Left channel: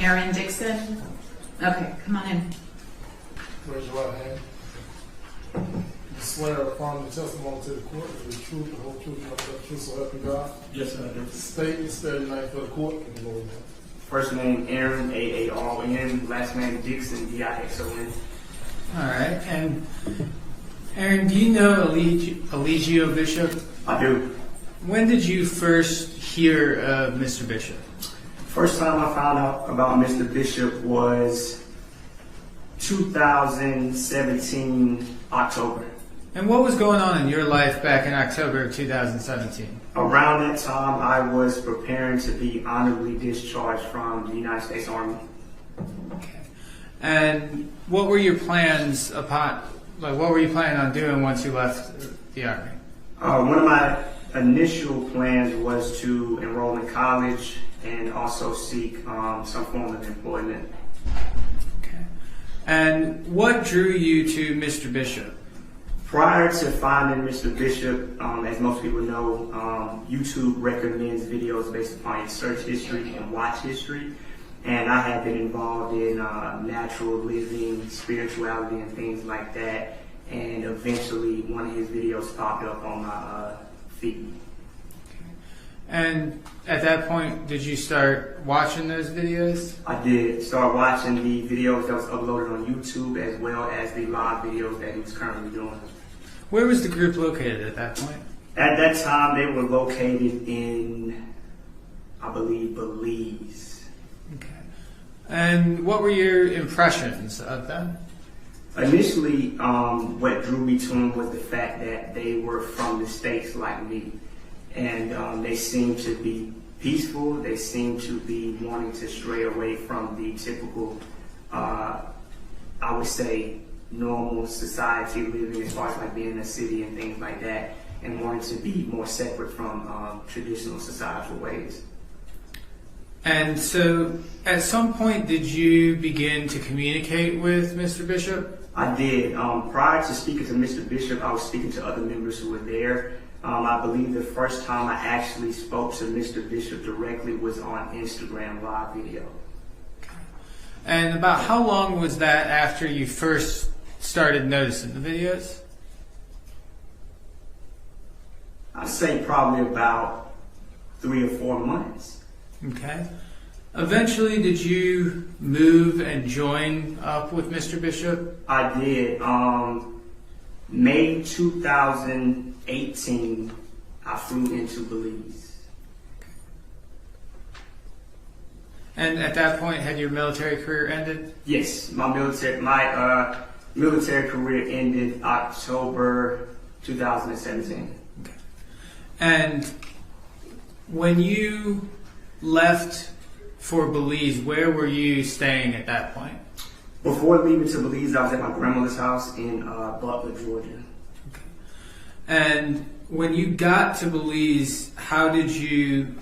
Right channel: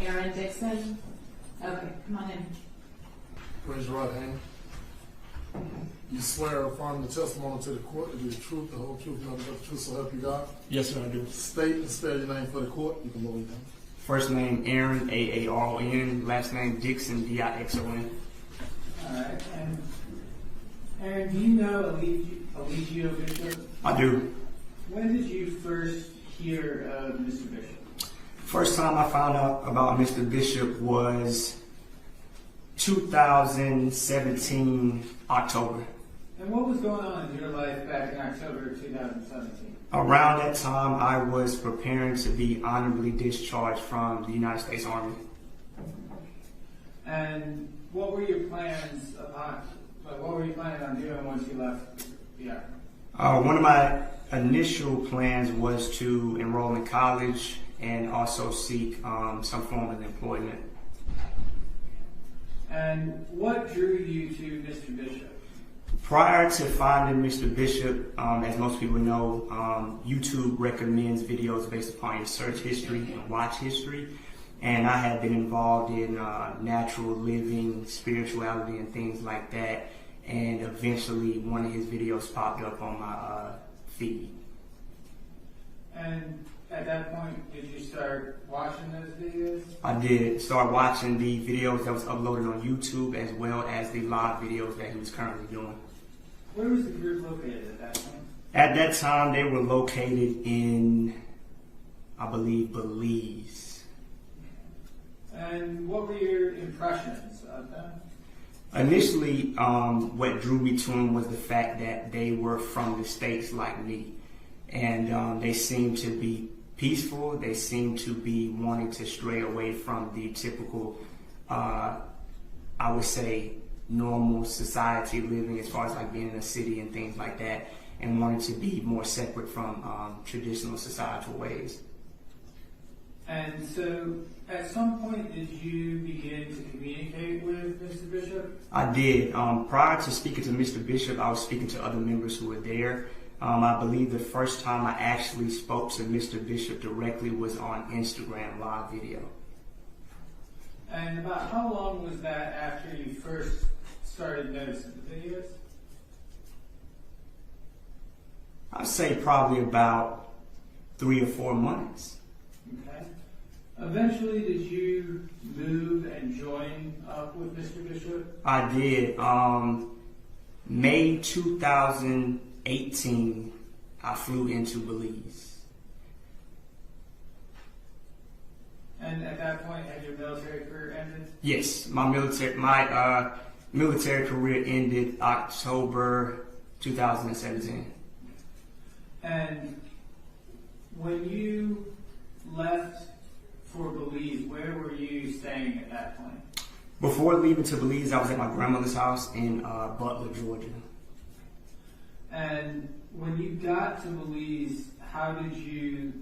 Aaron Dixon. Okay, come on in. Raise your right hand. You swear or affirm the testimony to the court is the truth, the whole truth, and nothing but the truth, so help you God. Yes, sir, I do. State and spell your name for the court. If you know your First name Aaron, A-A-R-O-N. Last name Dixon, D-I-X-O-N. All right. And Aaron, do you know Eligio Bishop? I do. When did you first hear of Mr. Bishop? First time I found out about Mr. Bishop was 2017, October. And what was going on in your life back in October of 2017? Around that time, I was preparing to be honorably discharged from the United States Army. Okay. And what were your plans what were you planning on doing once you left the Army? One of my initial plans was to enroll in college and also seek some form of employment. Okay. And what drew you to Mr. Bishop? Prior to finding Mr. Bishop, as most people know, YouTube recommends videos based upon your search history and watch history. And I had been involved in natural living, spirituality, and things like that. And eventually, one of his videos popped up on my feed. And at that point, did you start watching those videos? I did start watching the videos that was uploaded on YouTube as well as the live videos that he was currently doing. Where was the group located at that point? At that time, they were located in, I believe, Belize. Okay. And what were your impressions of them? Initially, what drew me to them was the fact that they were from the States like me. And they seemed to be peaceful. They seemed to be wanting to stray away from the typical, I would say, normal society living as far as like being in a city and things like that, and wanting to be more separate from traditional societal ways. And so, at some point, did you begin to communicate with Mr. Bishop? I did. Prior to speaking to Mr. Bishop, I was speaking to other members who were there. I believe the first time I actually spoke to Mr. Bishop directly was on Instagram live video. And about how long was that after you first started noticing the videos? I'd say probably about 3 or 4 months. Okay. Eventually, did you move and join up with Mr. Bishop? I did. May 2018, I flew into Belize. And at that point, had your military career ended? Yes, my military career ended October 2017. Okay. And when you left for Belize, where were you staying at that point? Before leaving to Belize, I was at my grandmother's house in Butler, Georgia. Okay. And when you got to Belize, how did you,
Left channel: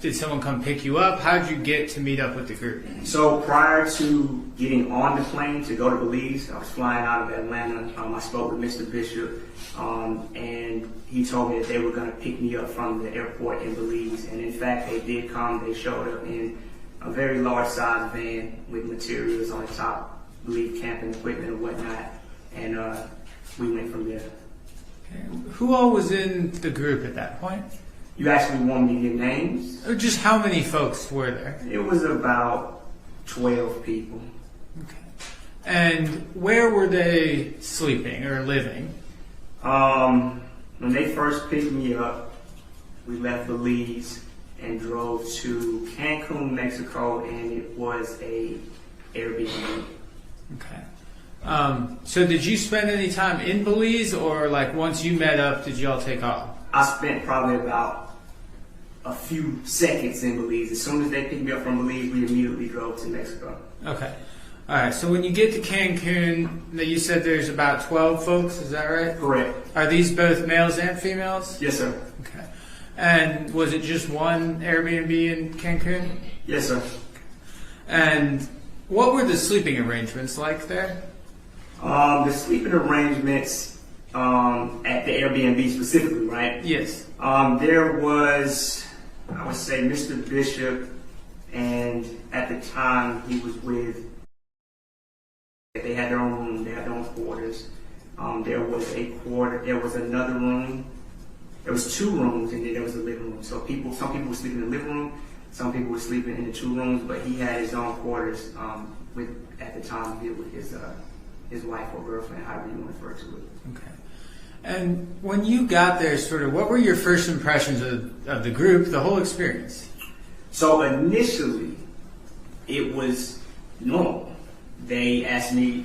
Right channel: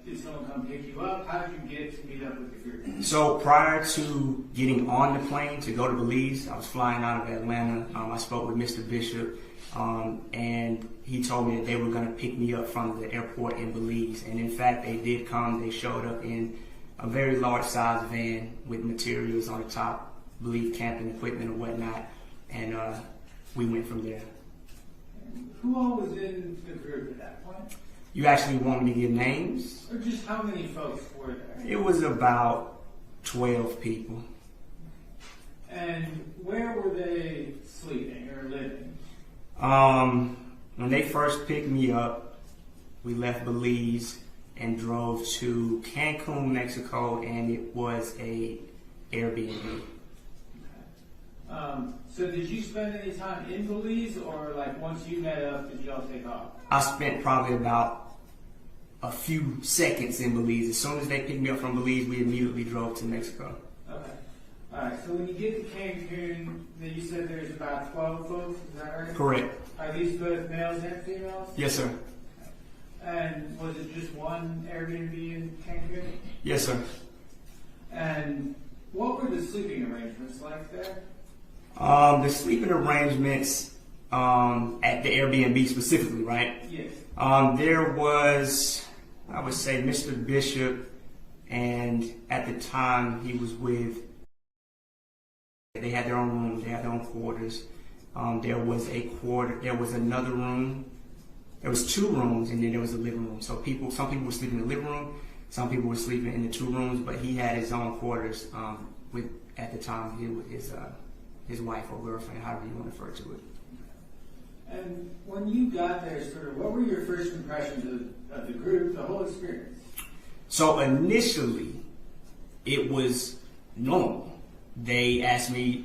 did someone come pick you up? How did you get to meet up with the group? So prior to getting on the plane to go to Belize, I was flying out of Atlanta. I spoke with Mr. Bishop, and he told me that they were going to pick me up from the airport in Belize. And in fact, they did come. They showed up in a very large size van with materials on the top, I believe camping equipment and whatnot. And we went from there. Okay. Who all was in the group at that point? You actually want me to give names? Or just how many folks were there? It was about 12 people. Okay. And where were they sleeping or living? When they first picked me up, we left Belize and drove to Cancun, Mexico, and it was a Airbnb. Okay. So did you spend any time in Belize, or once you met up, did y'all take off? I spent probably about a few seconds in Belize. As soon as they picked me up from Belize, we immediately drove to Mexico. Okay. All right. So when you get to Cancun, you said there's about 12 folks. Is that right? Correct. Are these both males and females? Yes, sir. Okay. And was it just one Airbnb in Cancun? Yes, sir. And what were the sleeping arrangements like there? The sleeping arrangements at the Airbnb specifically, right? Yes. There was, I would say, Mr. Bishop and at the time he was with. They had their own room. They had their own quarters. There was another room. There was 2 rooms, and then there was a living room. So some people were sleeping in the living room, some people were sleeping in the 2 rooms, but he had his own quarters at the time with his wife or girlfriend, however you want to refer to it. Okay. And when you got there, sort of, what were your first impressions of the group, the whole experience? So initially, it was normal. They asked me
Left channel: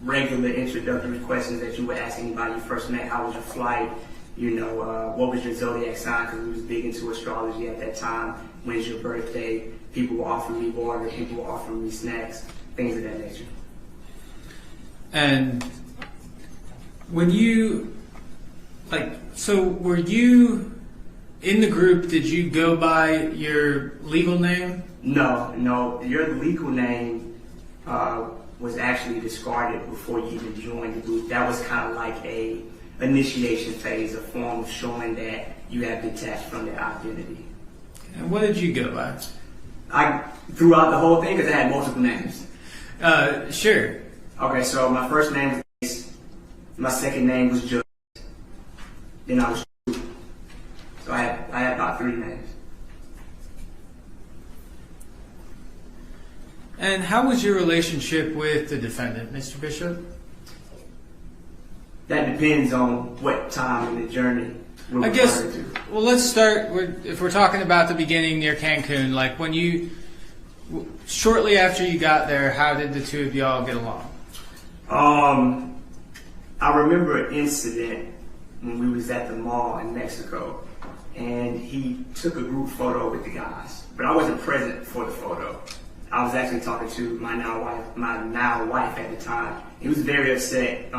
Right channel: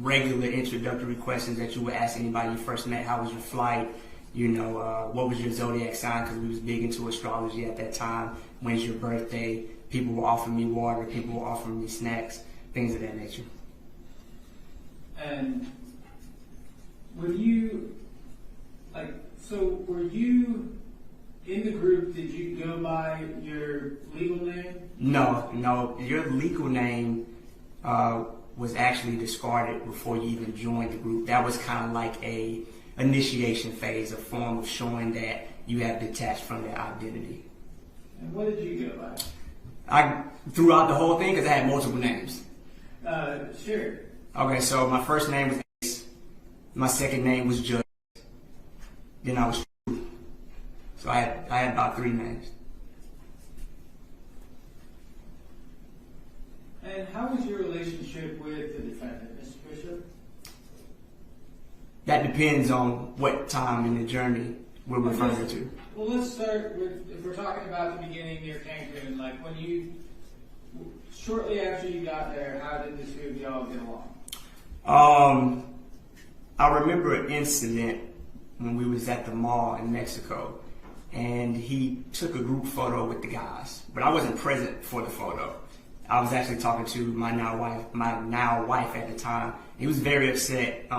regular introductory questions that you would ask anybody you first met. How was your flight? What was your zodiac sign? Because we was big into astrology at that time. When's your birthday? People were offering me water. People were offering me snacks, things of that nature. And when you, were you in the group, did you go by your legal name? No. Your legal name was actually discarded before you even joined the group. That was kind of like a initiation phase, a form of showing that you have detached from your identity. And what did you go by? I threw out the whole thing because I had multiple names. Sure. Okay, so my first name was Ace. My second name was Judge. Then I was True. So I had about 3 names. And how was your relationship with the defendant, Mr. Bishop? That depends on what time in the journey we're referring to. Well, let's start with, if we're talking about the beginning near Cancun, like when shortly after you got there, how did the 2 of y'all get along? I remember an incident when we was at the mall in Mexico, and he took a group photo with the guys, but I wasn't present for the photo. I was actually talking to my now wife at the time. He was very upset.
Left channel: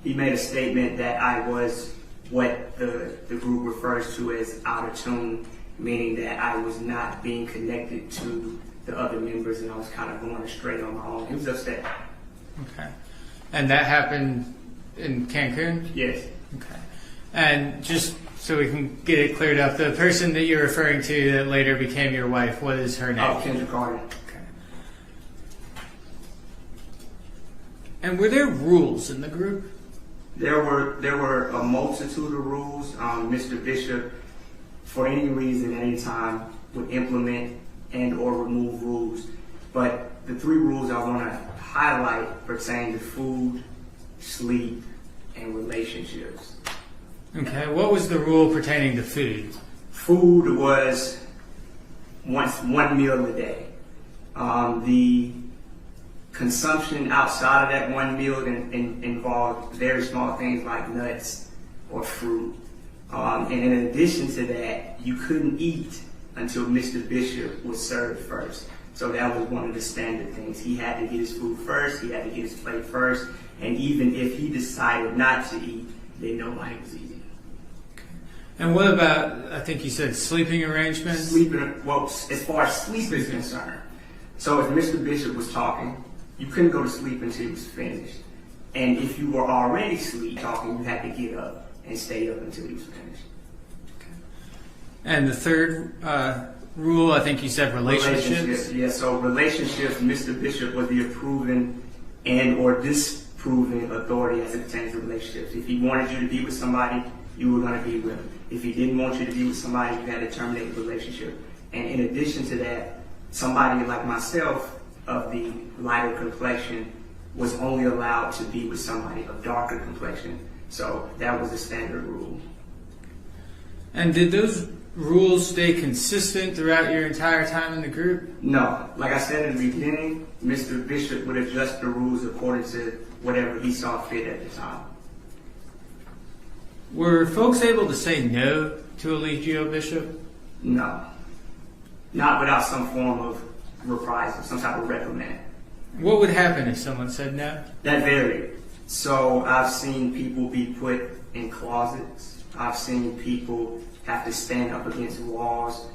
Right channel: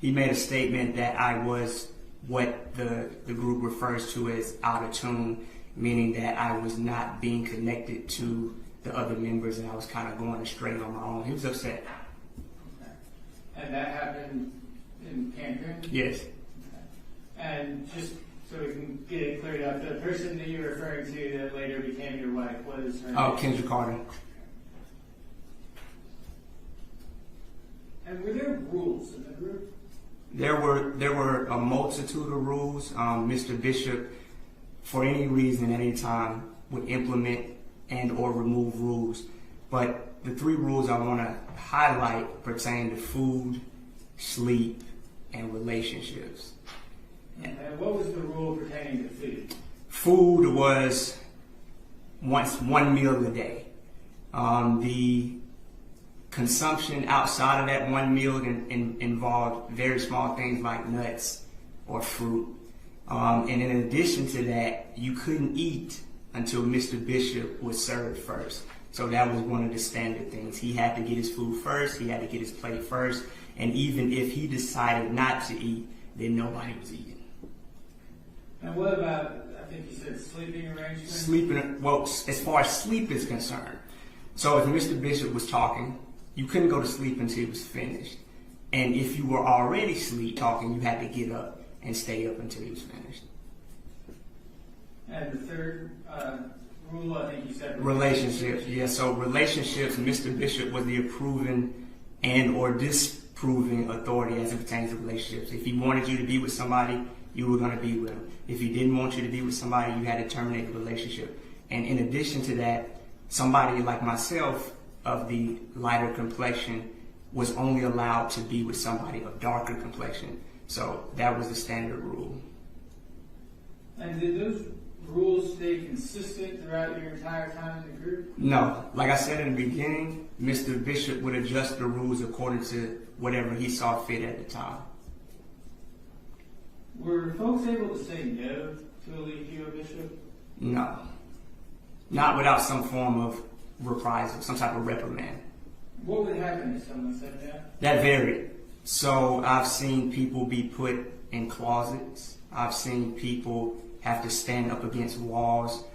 He made a statement that I was what the group refers to as out of tune, meaning that I was not being connected to the other members and I was kind of going astray on my own. He was upset. Okay. And that happened in Cancun? Yes. Okay. And just so we can get it cleared up, the person that you're referring to that later became your wife, what is her name? Kendra Carter. Okay. And were there rules in the group? There were a multitude of rules. Mr. Bishop, for any reason, any time, would implement and or remove rules. But the 3 rules I want to highlight pertain to food, sleep, and relationships. Okay, what was the rule pertaining to food? Food was one meal a day. The consumption outside of that one meal involved very small things like nuts or fruit. And in addition to that, you couldn't eat until Mr. Bishop was served first. So that was one of the standard things. He had to get his food first, he had to get his plate first, and even if he decided not to eat, then nobody was eating. And what about, I think you said sleeping arrangements? As far as sleep is concerned, so if Mr. Bishop was talking, you couldn't go to sleep until he was finished. And if you were already talking, you had to get up and stay up until he was finished. Okay. And the third rule, I think you said relationships? Yeah, so relationships, Mr. Bishop was the approving and or disproving authority as it pertains to relationships. If he wanted you to be with somebody, you were going to be with him. If he didn't want you to be with somebody, you had to terminate the relationship. And in addition to that, somebody like myself of the lighter complexion was only allowed to be with somebody of darker complexion. So that was the standard rule. And did those rules stay consistent throughout your entire time in the group? No. Like I said in the beginning, Mr. Bishop would adjust the rules according to whatever he saw fit at the time. Were folks able to say no to Eligio Bishop? No. Not without some form of reprisal, some type of reprimand. What would happen if someone said no? That varied. So I've seen people be put in closets. I've seen people have to stand up against walls.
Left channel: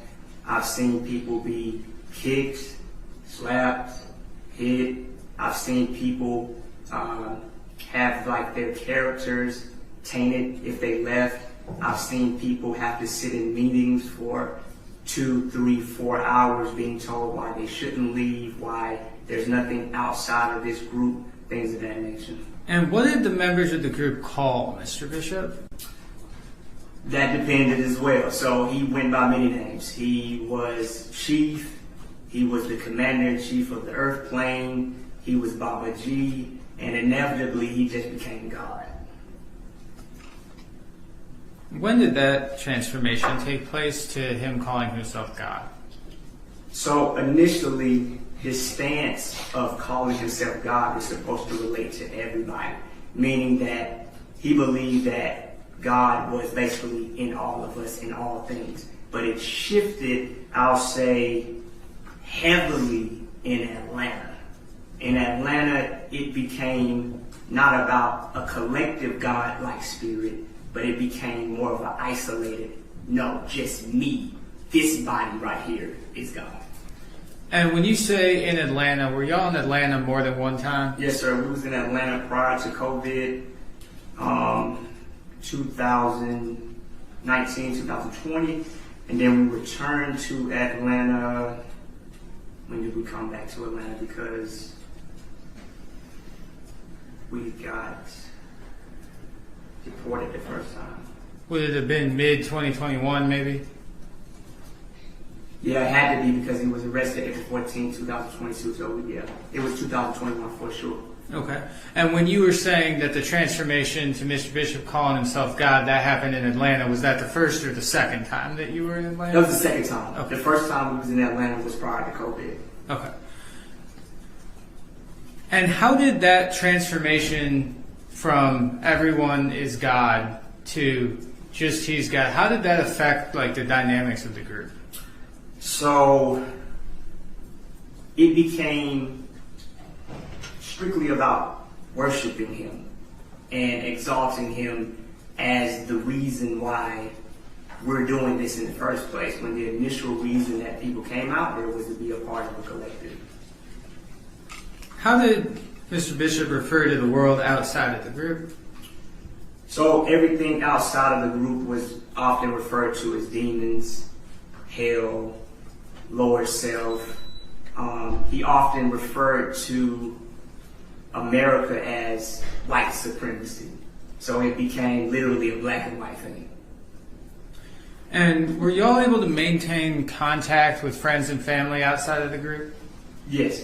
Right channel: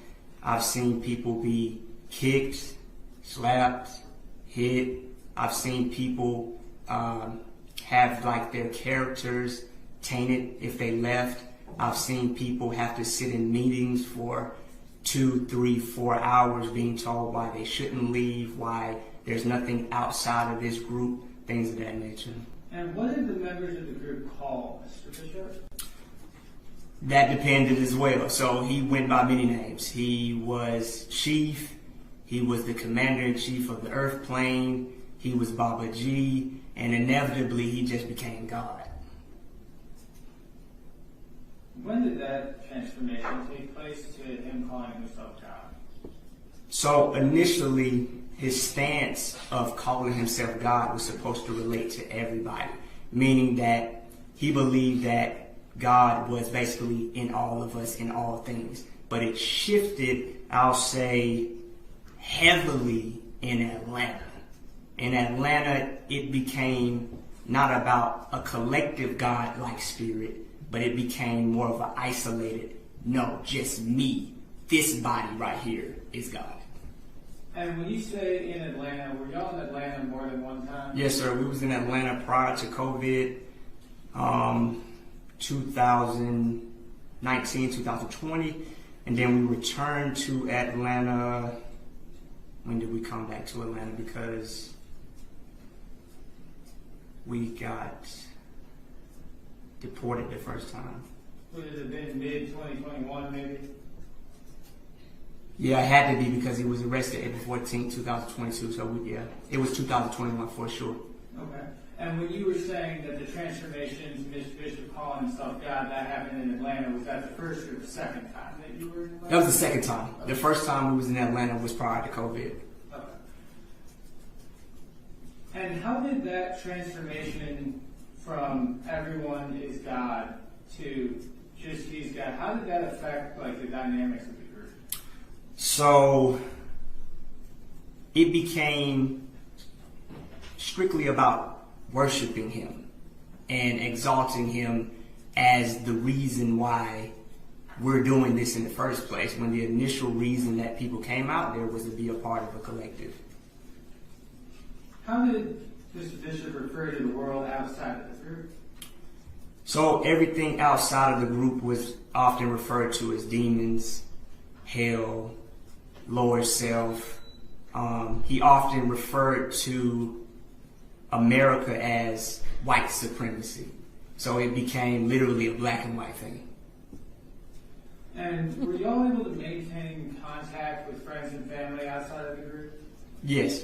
I've seen people be kicked, slapped, hit. I've seen people have like their characters tainted if they left. I've seen people have to sit in meetings for 2, 3, 4 hours being told why they shouldn't leave, why there's nothing outside of this group, things of that nature. And what did the members of the group call Mr. Bishop? That depended as well. So he went by many names. He was Chief. He was the Commander-in-Chief of the Earth Plane. He was Baba G. And inevitably, he just became God. When did that transformation take place to him calling himself God? So initially, his stance of calling himself God was supposed to relate to everybody, meaning that he believed that God was basically in all of us, in all things. But it shifted, I'll say, heavily in Atlanta. In Atlanta, it became not about a collective God-like spirit, but it became more of an isolated, no, just me. This body right here is God. And when you say in Atlanta, were y'all in Atlanta more than one time? Yes, sir. We was in Atlanta prior to COVID, 2019, 2020. And then we returned to Atlanta. When did we come back to Atlanta? Because we got deported the first time. Would it have been mid-2021 maybe? Yeah, it had to be because he was arrested April 14, 2022. So yeah, it was 2021 for sure. Okay. And when you were saying that the transformation to Mr. Bishop calling himself God, that happened in Atlanta, was that the first or the second time that you were in Atlanta? That was the second time. Okay. The first time we was in Atlanta was prior to COVID. Okay. And how did that transformation from everyone is God to just he's God, how did that affect like the dynamics of the group? So it became strictly about worshiping him and exalting him as the reason why we're doing this in the first place, when the initial reason that people came out there was to be a part of a collective. How did Mr. Bishop refer to the world outside of the group? So everything outside of the group was often referred to as demons, hell, lower self. He often referred to America as white supremacy. So it became literally a black and white thing. And were y'all able to maintain contact with friends and family outside of the group? Yes.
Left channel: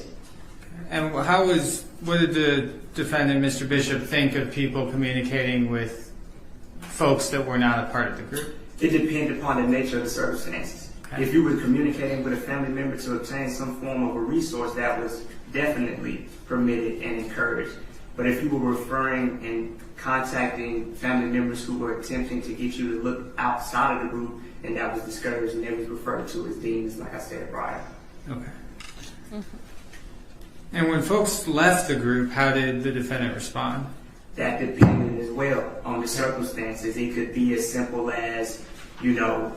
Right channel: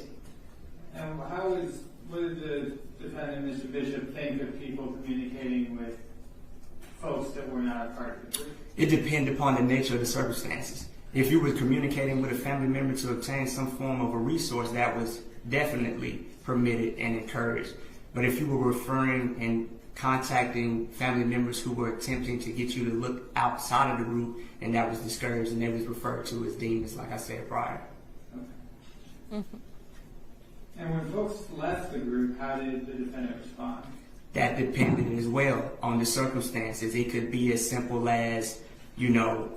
And what did the defendant, Mr. Bishop, think of people communicating with folks that were not a part of the group? It depended upon the nature of the circumstances. Okay. If you were communicating with a family member to obtain some form of a resource, that was definitely permitted and encouraged. But if you were referring and contacting family members who were attempting to get you to look outside of the group, and that was discouraged, and that was referred to as demons, like I said prior. Okay. Mm-hmm. And when folks left the group, how did the defendant respond? That depended as well on the circumstances. It could be as simple as, you'll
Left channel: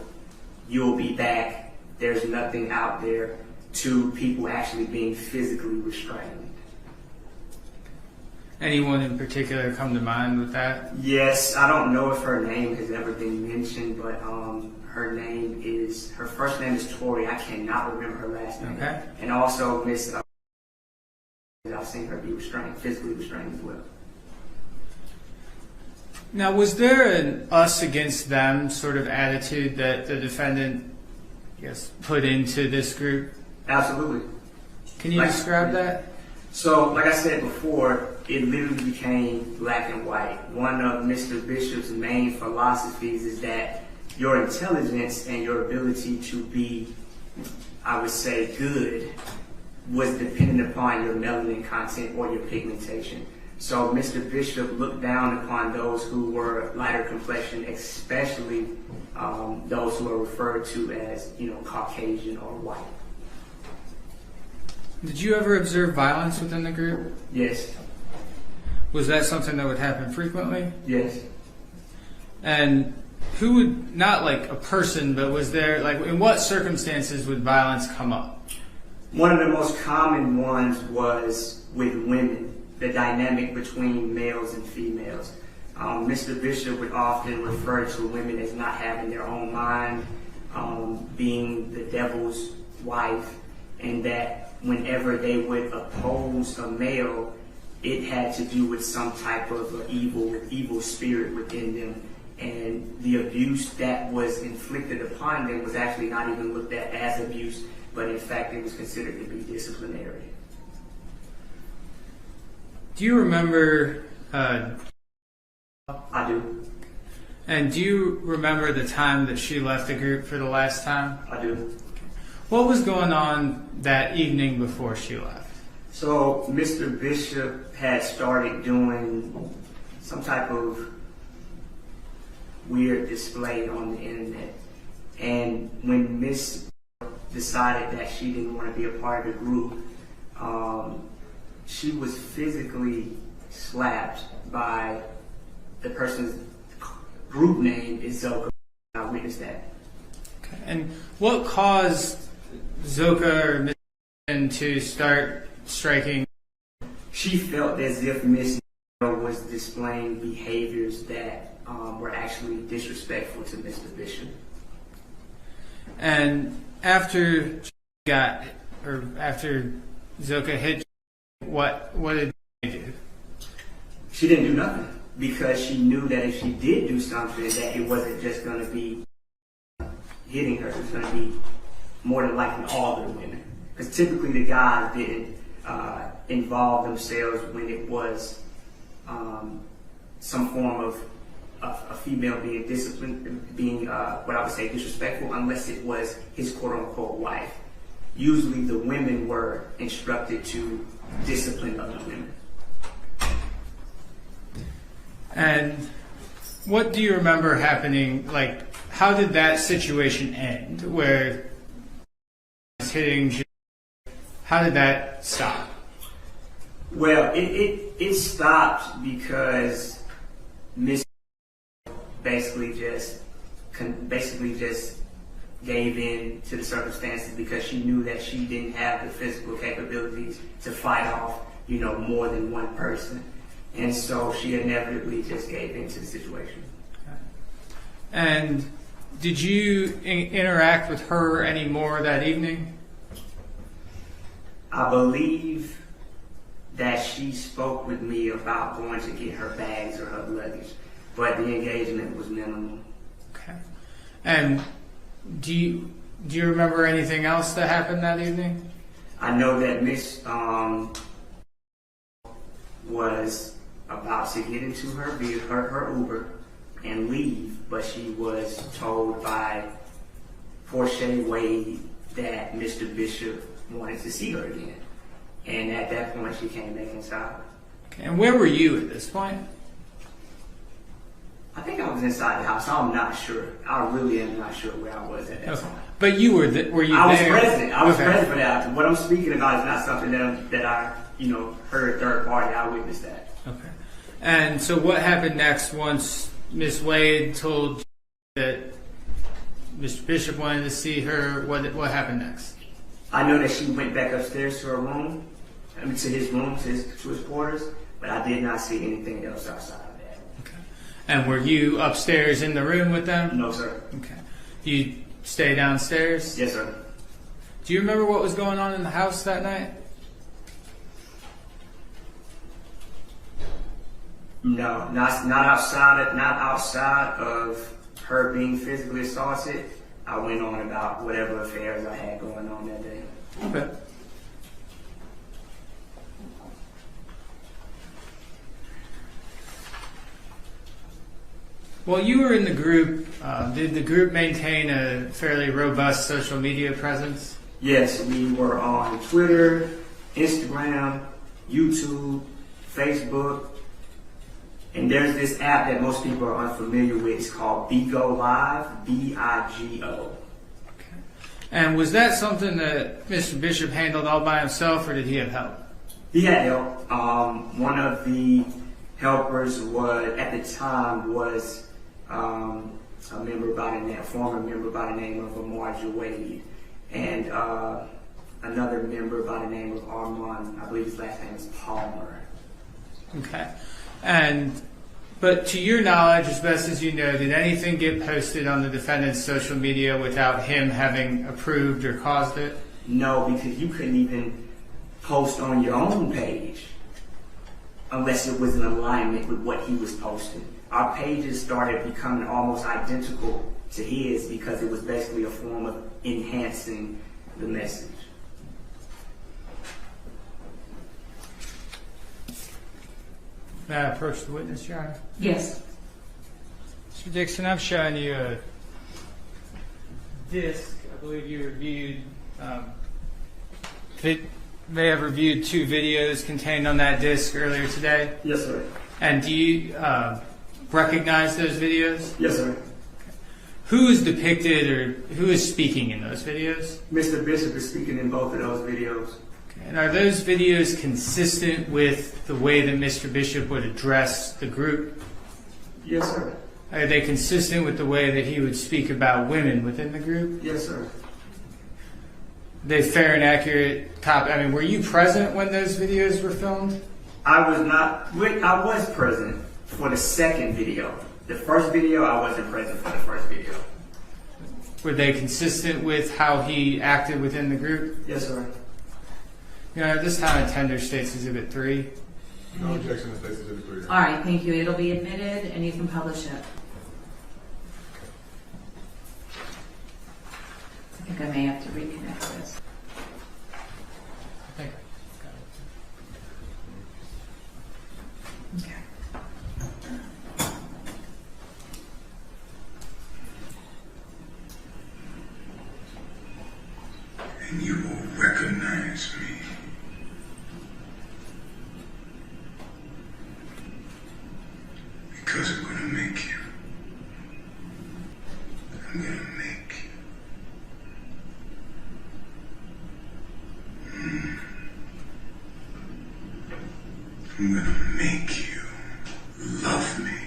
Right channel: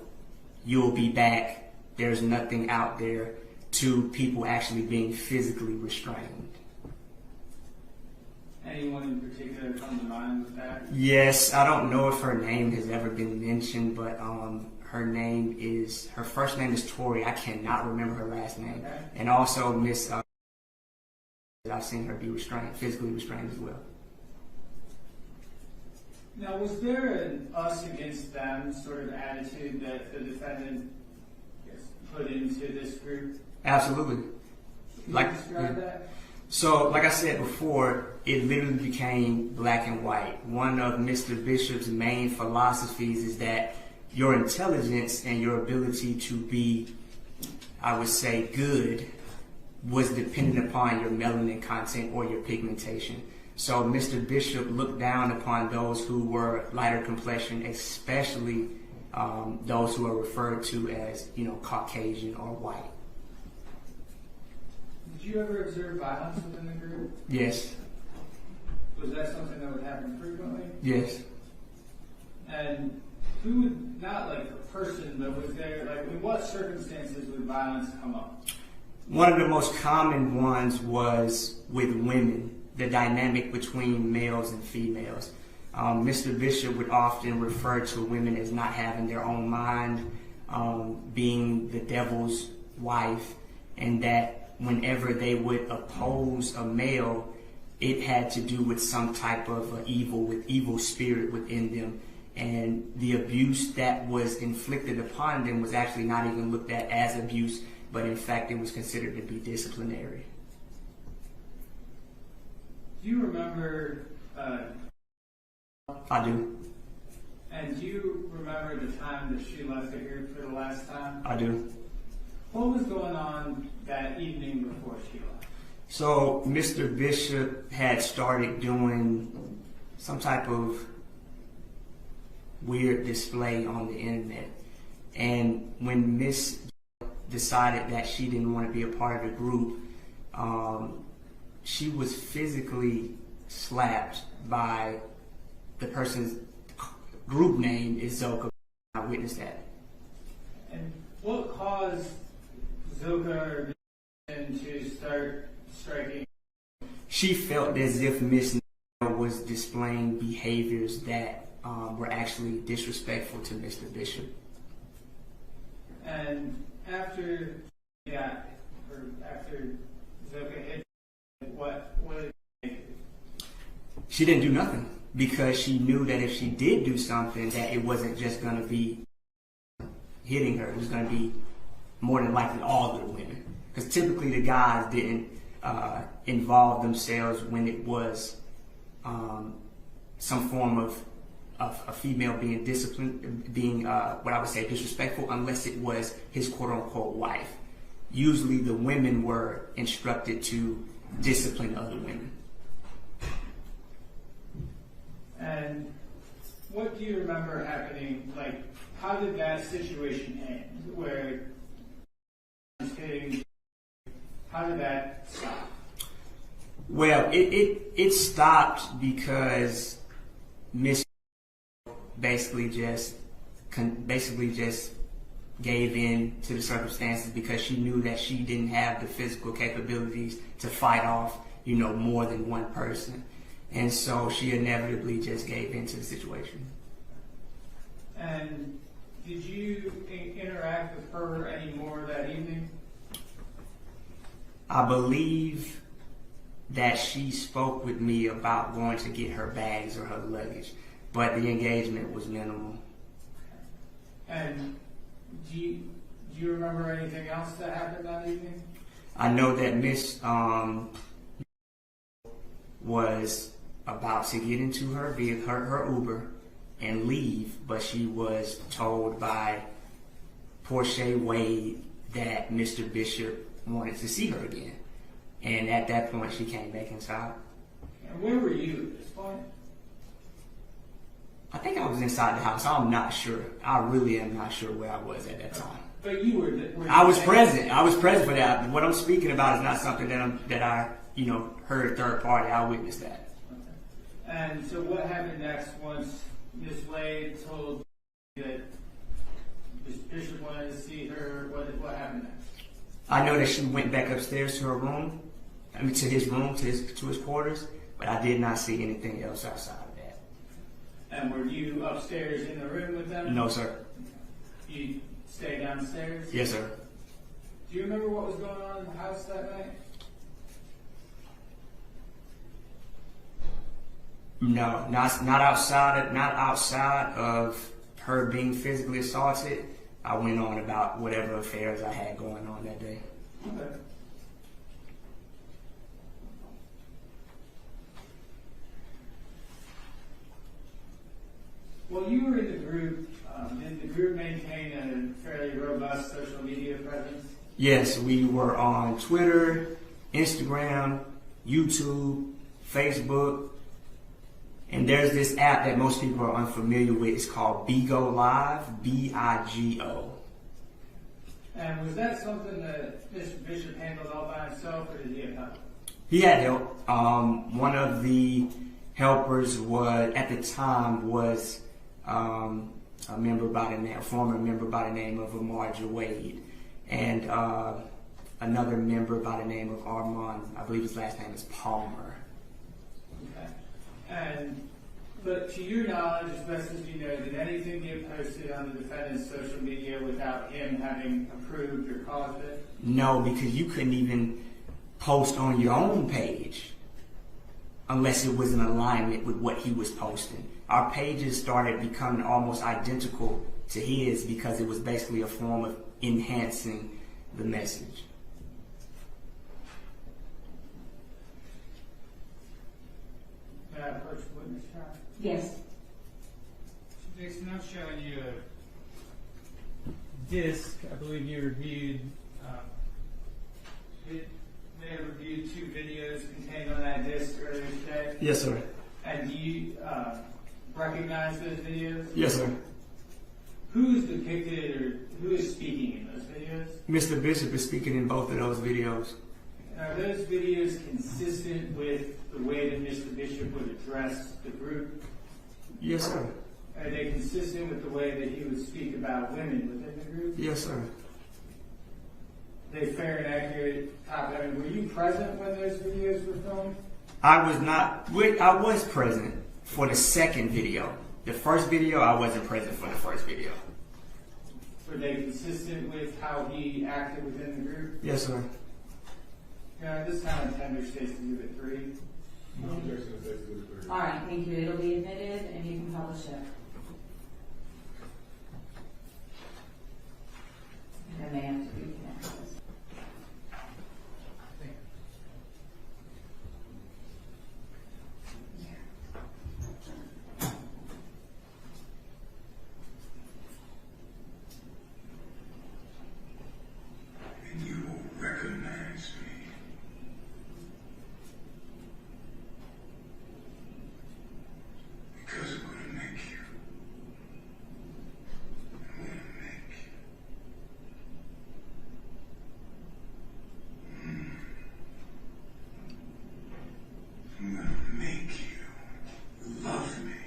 be back, there's nothing out there, to people actually being physically restrained. Anyone in particular come to mind with that? Yes, I don't know if her name has ever been mentioned, but her first name is Tori. I cannot remember her last name. Okay. And also Miss, I've seen her be restrained, physically restrained as well. Now, was there an us against them sort of attitude that the defendant, put into this group? Absolutely. Can you describe that? So, like I said before, it literally became black and white. One of Mr. Bishop's main philosophies is that your intelligence and your ability to be, I would say, good was dependent upon your melanin content or your pigmentation. So Mr. Bishop looked down upon those who were lighter complexion, especially those who are referred to as, Caucasian or white. Did you ever observe violence within the group? Yes. Was that something that would happen frequently? Yes. And who would, not like a person, but was there, in what circumstances would violence come up? One of the most common ones was with women, the dynamic between males and females. Mr. Bishop would often refer to women as not having their own mind, being the devil's wife, and that whenever they would oppose a male, it had to do with some type of evil spirit within them. And the abuse that was inflicted upon them was actually not even looked at as abuse, but in fact it was considered to be disciplinary. Do you remember? I do. And do you remember the time that she left the group for the last time? I do. What was going on that evening before she left? So Mr. Bishop had started doing some type of weird display on the internet. And when Miss decided that she didn't want to be a part of the group, she was physically slapped by the person's group name is Zoka. I witnessed that. Okay. And what caused Zoka or Miss to start striking? She felt as if Miss was displaying behaviors that were actually disrespectful to Mr. Bishop. And after Zoka hit, what did she do? She didn't do nothing because she knew that if she did do something, that it wasn't just going to be hitting her. It was going to be more than likely all the women. Because typically the guys didn't involve themselves when it was some form of a female being disciplined, being what I would say disrespectful, unless it was his quote-unquote wife. Usually the women were instructed to discipline other women. And what do you remember happening? Like, how did that situation end? Where hitting? How did that stop? Well, it stopped because Miss basically just gave in to the circumstances because she knew that she didn't have the physical capabilities to fight off, more than one person. And so she inevitably just gave into the situation. And did you interact with her anymore that evening? I believe that she spoke with me about going to get her bags or her luggage, but the engagement was minimal. Okay. And do you remember anything else that happened that evening? I know that Miss was about to get into her Uber and leave, but she was told by Portia Wade that Mr. Bishop wanted to see her again. And at that point, she came back inside. Okay. And where were you at this point? I think I was inside the house. I'm not sure. I really am not sure where I was at that Okay. time. But you were were you I was there? present. I was Okay. present for that. What I'm speaking about is not something that I heard a third party. I witnessed that. Okay. And so what happened next once Miss Wade told that Mr. Bishop wanted to see her? What happened next? I know that she went back upstairs to her room, to his room, to his quarters, but I did not see anything else outside of that. Okay. And were you upstairs in the room with them? No, sir. Okay. You stay downstairs? Yes, sir. Do you remember what was going on in the house that night? No, not outside of her being physically assaulted. I went on about whatever affairs I had going on that day. Okay. Well, you were in the group. Did the group maintain a fairly robust social media presence? Yes, we were on Twitter, Instagram, YouTube, Facebook, and there's this app that most people are unfamiliar with. It's called Bigo Live, B-I-G-O. Okay. And was that something that Mr. Bishop handled all by himself, or did he have help? He had help. One of the helpers at the time was a former member by the name of Amarja Wade, and another member by the name of Armand. I believe his last name is Palmer. Okay. And But to your knowledge, as best as you know, did anything get posted on the defendant's social media without him having approved or caused it? No, because you couldn't even post on your own page unless it was in alignment with what he was posting. Our pages started becoming almost identical to his because it was basically a form of enhancing the message. May I approach the witness, Your Honor? Yes. Mr. Dixon, I'm showing you a disc. I believe you reviewed, may have reviewed 2 videos contained on that disc earlier today. Yes, sir. And do you recognize those videos? Yes, sir. Who is depicted or who is speaking in those videos? Mr. Bishop is speaking in both of those videos. And are those videos consistent with the way that Mr. Bishop would address the group? Yes, sir. Are they consistent with the way that he would speak about women within the group? Yes, sir. Are they fair and accurate copy? I mean, were you present when those videos were filmed? I was not. I was present for the second video. The first video, I wasn't present for the first video. Were they consistent with how he acted within the group? Yes, sir. You know, at this time, I tender States Exhibit 3. No objection to State's Exhibit 3. All right, thank you. It'll be admitted and you can publish it. I think I may have to reconnect this. Thank you. Okay. And you will recognize me. Because I'm going to make you. I'm going to make you. I'm going to make you love me.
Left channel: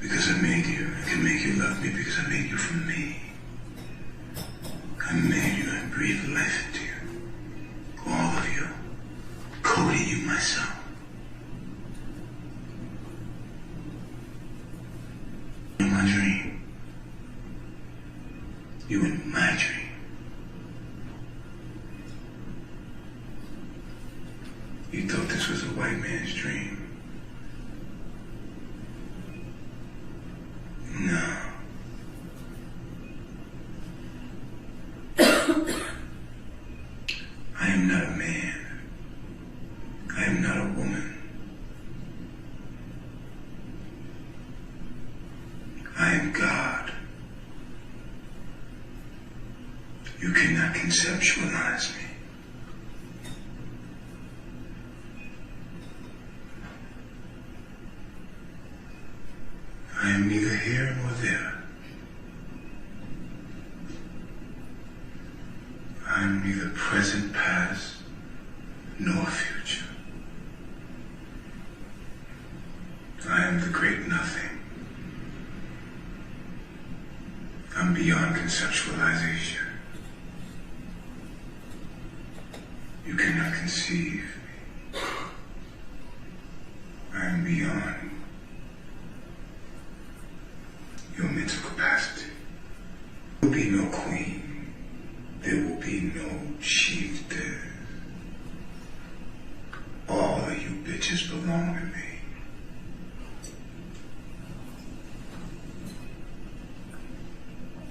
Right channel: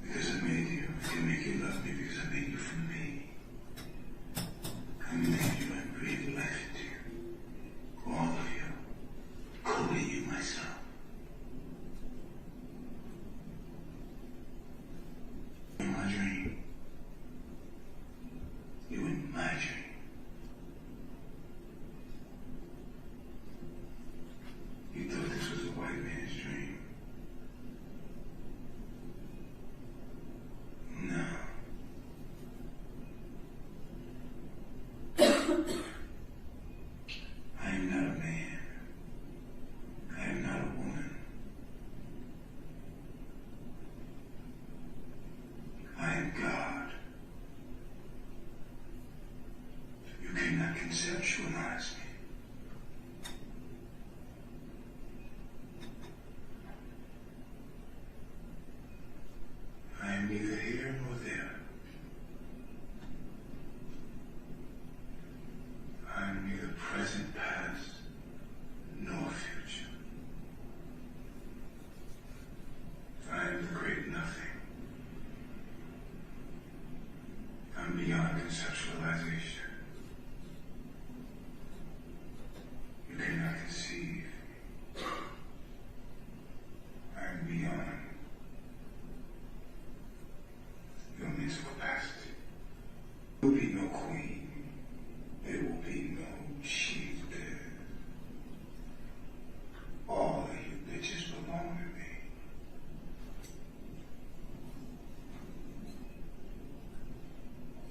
Because I made you. I can make you love me because I made you from me. I made you and breathed life into you. All of you. Coding you myself. In my dream. You in my dream. You thought this was a white man's dream. No. I am not a man. I am not a woman. I am God. You cannot conceptualize me. I am neither here nor there. I am neither present, past, nor future. I am the great nothing. I'm beyond conceptualization. You cannot conceive me. I am beyond your mental capacity. There will be no queen. There will be no chieftain. All of you bitches belong to me.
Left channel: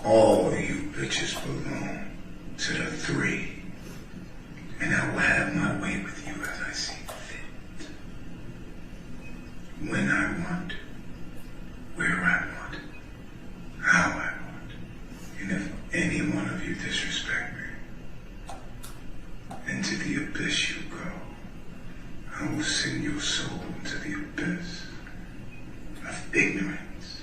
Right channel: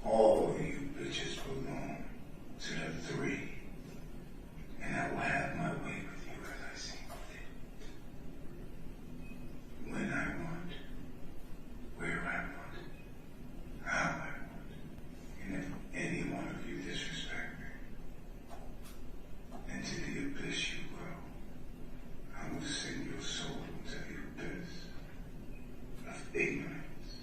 All of you bitches belong to the 3. And I will have my way with you as I see fit. When I want, where I want, how I want. And if any one of you disrespect me, into the abyss you go. I will send your soul into the abyss of ignorance.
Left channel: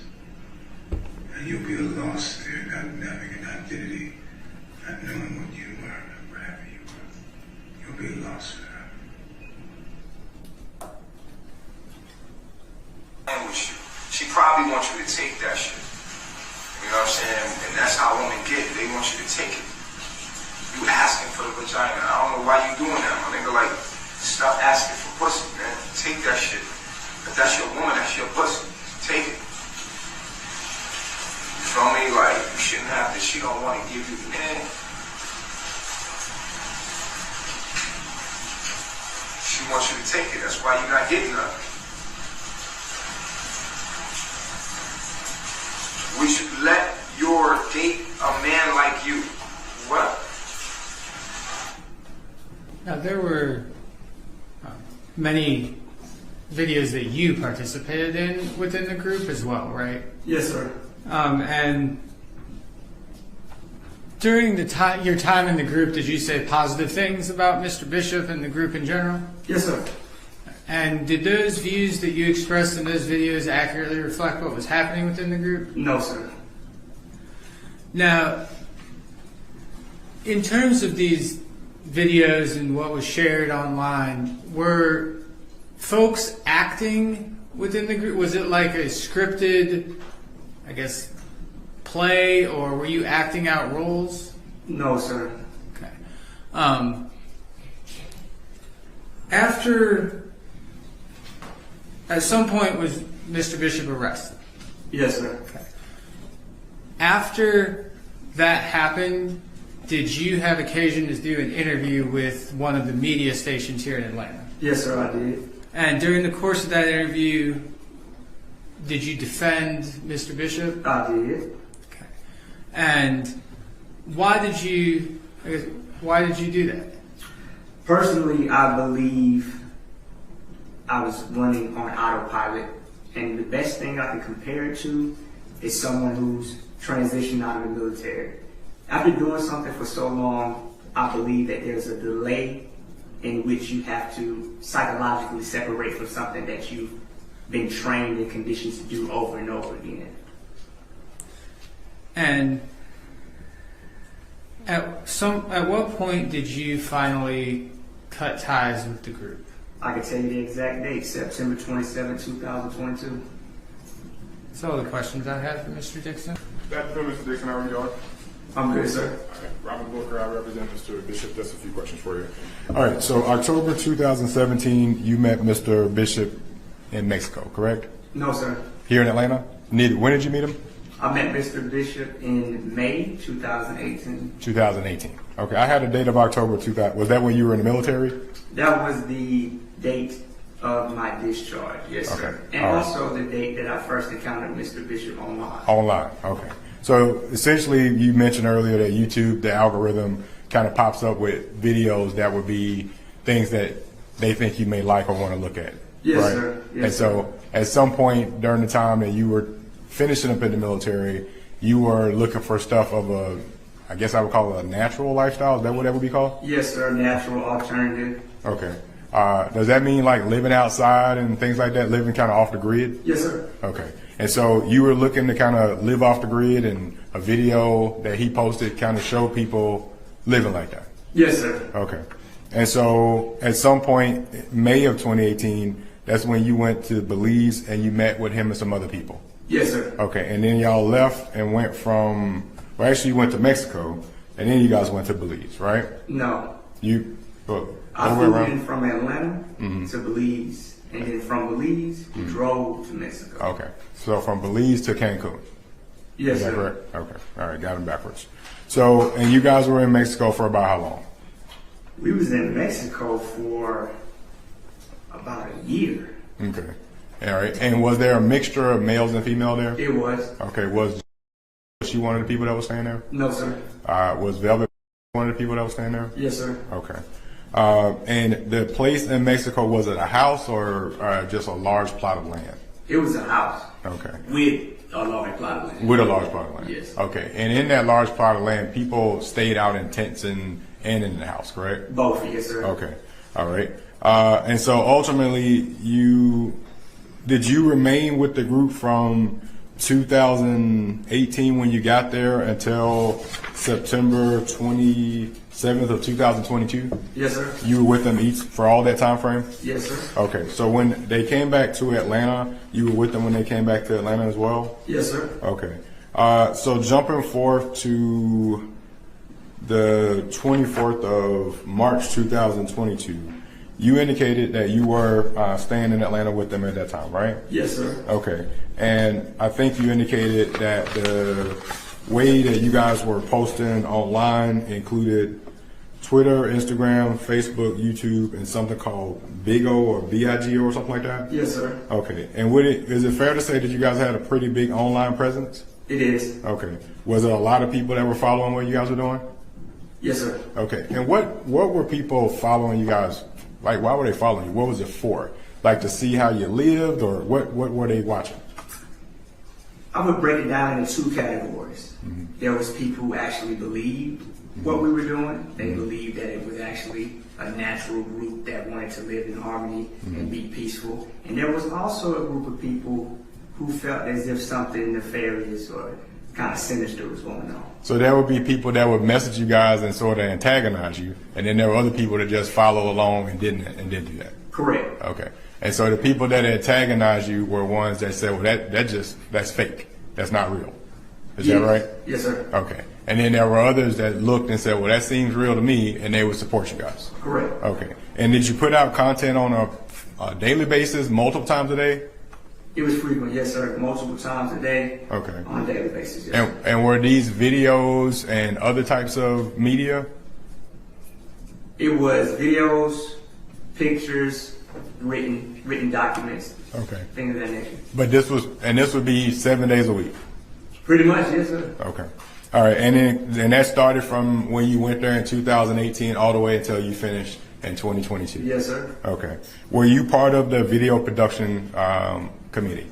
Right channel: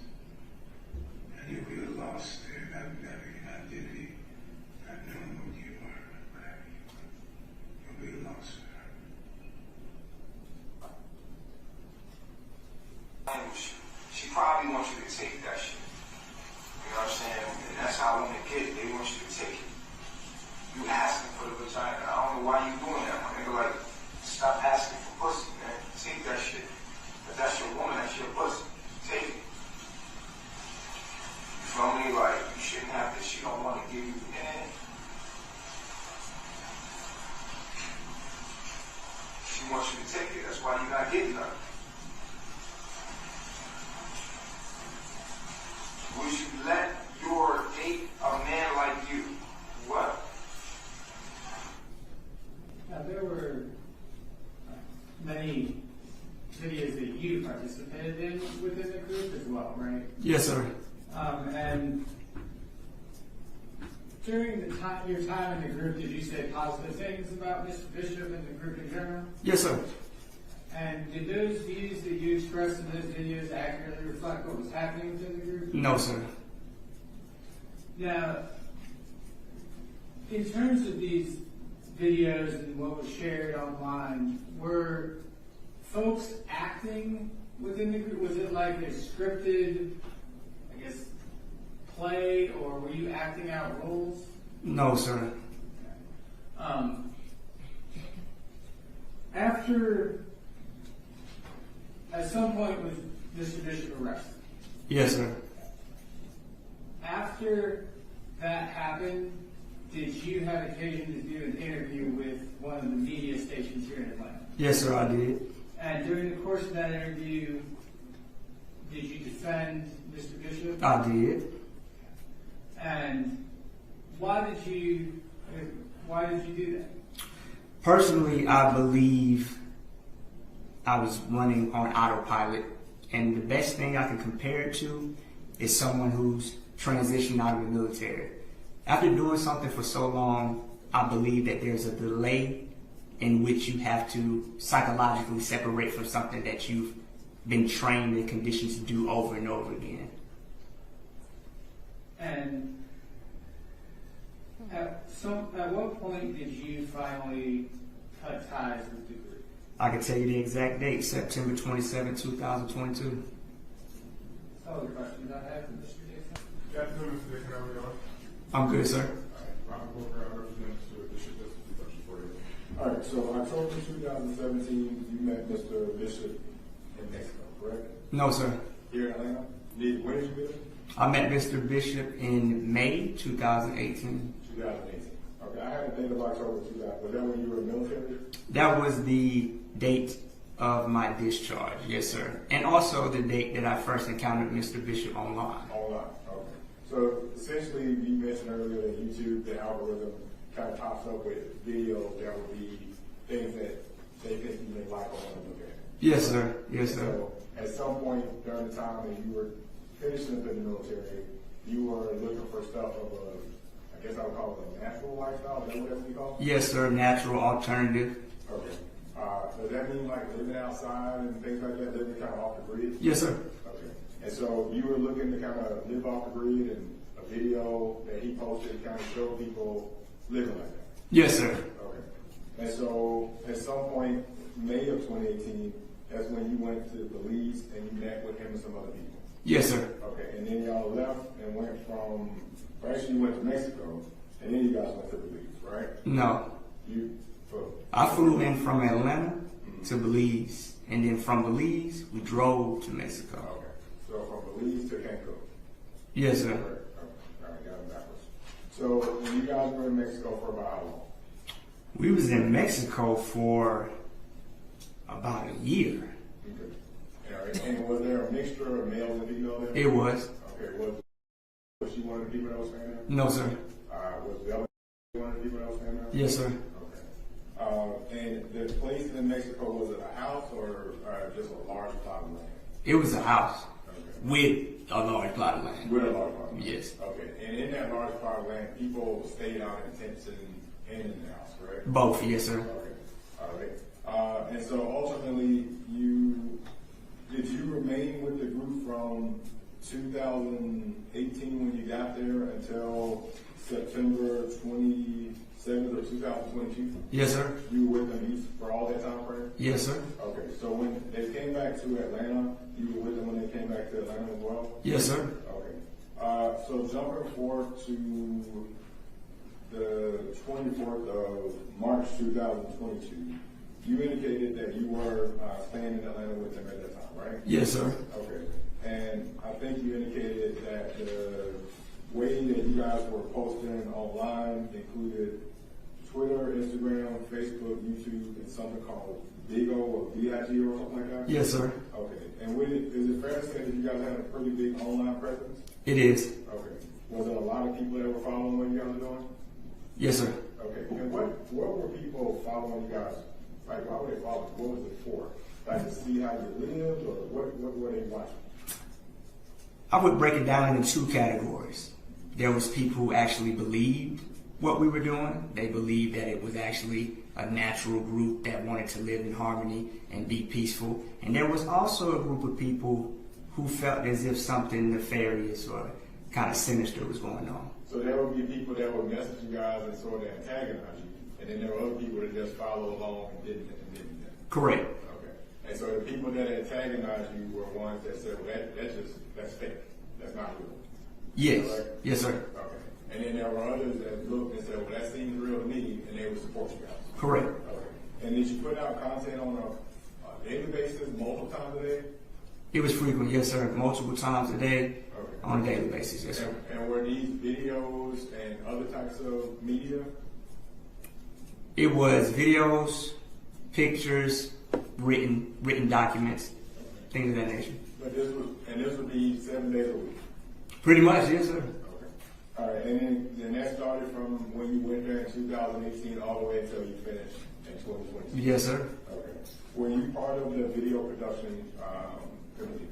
And you'll be lost there, not having an identity, not knowing what you were, or whatever you were. You'll be lost forever. With you. She probably wants you to take that shit. You know what I'm saying? And that's how women get it. They want you to take it. You asking for the vagina. I don't know why you doing that, my nigga. Like, stop asking for pussy, man. Take that shit. If that's your woman, that's your wants you to take it. That's why you're not getting nothing. We should let your date a man like you. What? Now, there were many videos that you participated in within the group as well, right? Yes, sir. And during your time in the group, did you say positive things about Mr. Bishop and the group in general? Yes, sir. And did those views that you expressed in those videos accurately reflect what was happening within the group? No, sir. Now, in terms of these videos and what was shared online, were folks acting within the group? Was it like a scripted, I guess, play, or were you acting out roles? No, sir. Okay. At some point, was Mr. Bishop arrested? Yes, sir. Okay. After that happened, did you have occasion to do an interview with one of the media stations here in Atlanta? Yes, sir, I did. And during the course of that interview, did you defend Mr. Bishop? I did. Okay. And why did you do that? Personally, I believe I was running on autopilot, and the best thing I can compare it to is someone who's transitioned out of the military. After doing something for so long, I believe that there's a delay in which you have to psychologically separate from something that you've been trained and conditioned to do over and over again. And at what point did you finally cut ties with the group? I can tell you the exact date, September 27, 2022. That's all the questions I had for Mr. Dixon. That's Mr. Dixon, how are you? I'm good, sir. All right, Robert Booker, I represent Mr. Bishop. Just a few questions for you. All right, so October 2017, you met Mr. Bishop in Mexico, correct? No, sir. Here in Atlanta? When did you meet him? I met Mr. Bishop in May 2018. 2018. Okay, I had a date of October 2000. Was that when you were in the military? That was the date of my discharge, yes, sir. Okay. And All right. also the date that I first encountered Mr. Bishop online. Online, okay. So essentially, you mentioned earlier that YouTube, the algorithm, kind of pops up with videos that would be things that they think you may like or want to look at. Yes, right? sir. Yes, and so at some point during the time that you were finishing up in the military, you were looking for stuff of a, I guess I would call it a natural lifestyle. Is that what that would be called? Yes, sir. Natural alternative. Okay. Does that mean like living outside and things like that, living kind of off the grid? Yes, sir. Okay. And so you were looking to kind of live off the grid, and a video that he posted kind of showed people living like that. Yes, sir. Okay. And so at some point, May of 2018, that's when you went to Belize and you met with him and some other people. Yes, sir. Okay. And then y'all left and went from, well, actually you went to Mexico, and then you guys went to Belize, right? No. I flew in from Atlanta to Belize, and then from Belize, we drove to Mexico. Okay. So from Belize to Cancun. Yes, Is that sir. correct? Okay. All right. Got them backwards. So, and you guys were in Mexico for about how long? We was in Mexico for about a year. Okay. All right. And was there a mixture of males and female there? It was. Okay. Was she one of the people that was staying there? No, sir. Was Velvet one of the people that was staying there? Yes, sir. Okay. And the place in Mexico, was it a house or just a large plot of land? It was a house. Okay. With a large plot of land. With a large plot of land? Yes. Okay. And in that large plot of land, people stayed out in tents and in the house, correct? Both, yes, sir. Okay. All right. And so ultimately, did you remain with the group from 2018 when you got there until September 27th of 2022? Yes, sir. You were with them each for all that time frame? Yes, sir. Okay. So when they came back to Atlanta, you were with them when they came back to Atlanta as well? Yes, sir. Okay. So jumping forth to the 24th of March 2022, you indicated that you were staying in Atlanta with them at that time, right? Yes, sir. Okay. And I think you indicated that the way that you guys were posting online included Twitter, Instagram, Facebook, YouTube, and something called Big O or BIGO or something like that? Yes, sir. Okay. And is it fair to say that you guys had a pretty big online presence? It is. Okay. Was there a lot of people that were following what you guys were doing? Yes, sir. Okay. And what were people following you guys? Like, why were they following you? What was it for? Like to see how you lived, or what were they watching? I would break it down into two categories. There was people who actually believed what we were doing. They believed that it was actually a natural group that wanted to live in harmony and be peaceful. And there was also a group of people who felt as if something nefarious or kind of sinister was going on. So there would be people that would message you guys and sort of antagonize you, and then there were other people that just follow along and didn't do that. Correct. Okay. And so the people that antagonized you were ones that said, well, that's fake. That's not real. Is that right? Yes, sir. Okay. And then there were others that looked and said, well, that seems real to me, and they would support you guys. Correct. Okay. And did you put out content on a daily basis, multiple times a day? It was frequent, yes, sir. Multiple times a day. Okay. On a daily basis, yes, sir. And were these videos and other types of media? It was videos, pictures, written documents, Okay. things of that nature. But this would be 7 days a week. Pretty much, yes, sir. Okay. All right. And that started from when you went there in 2018 all the way until you finished in 2022. Yes, sir. Okay. Were you part of the video production committee?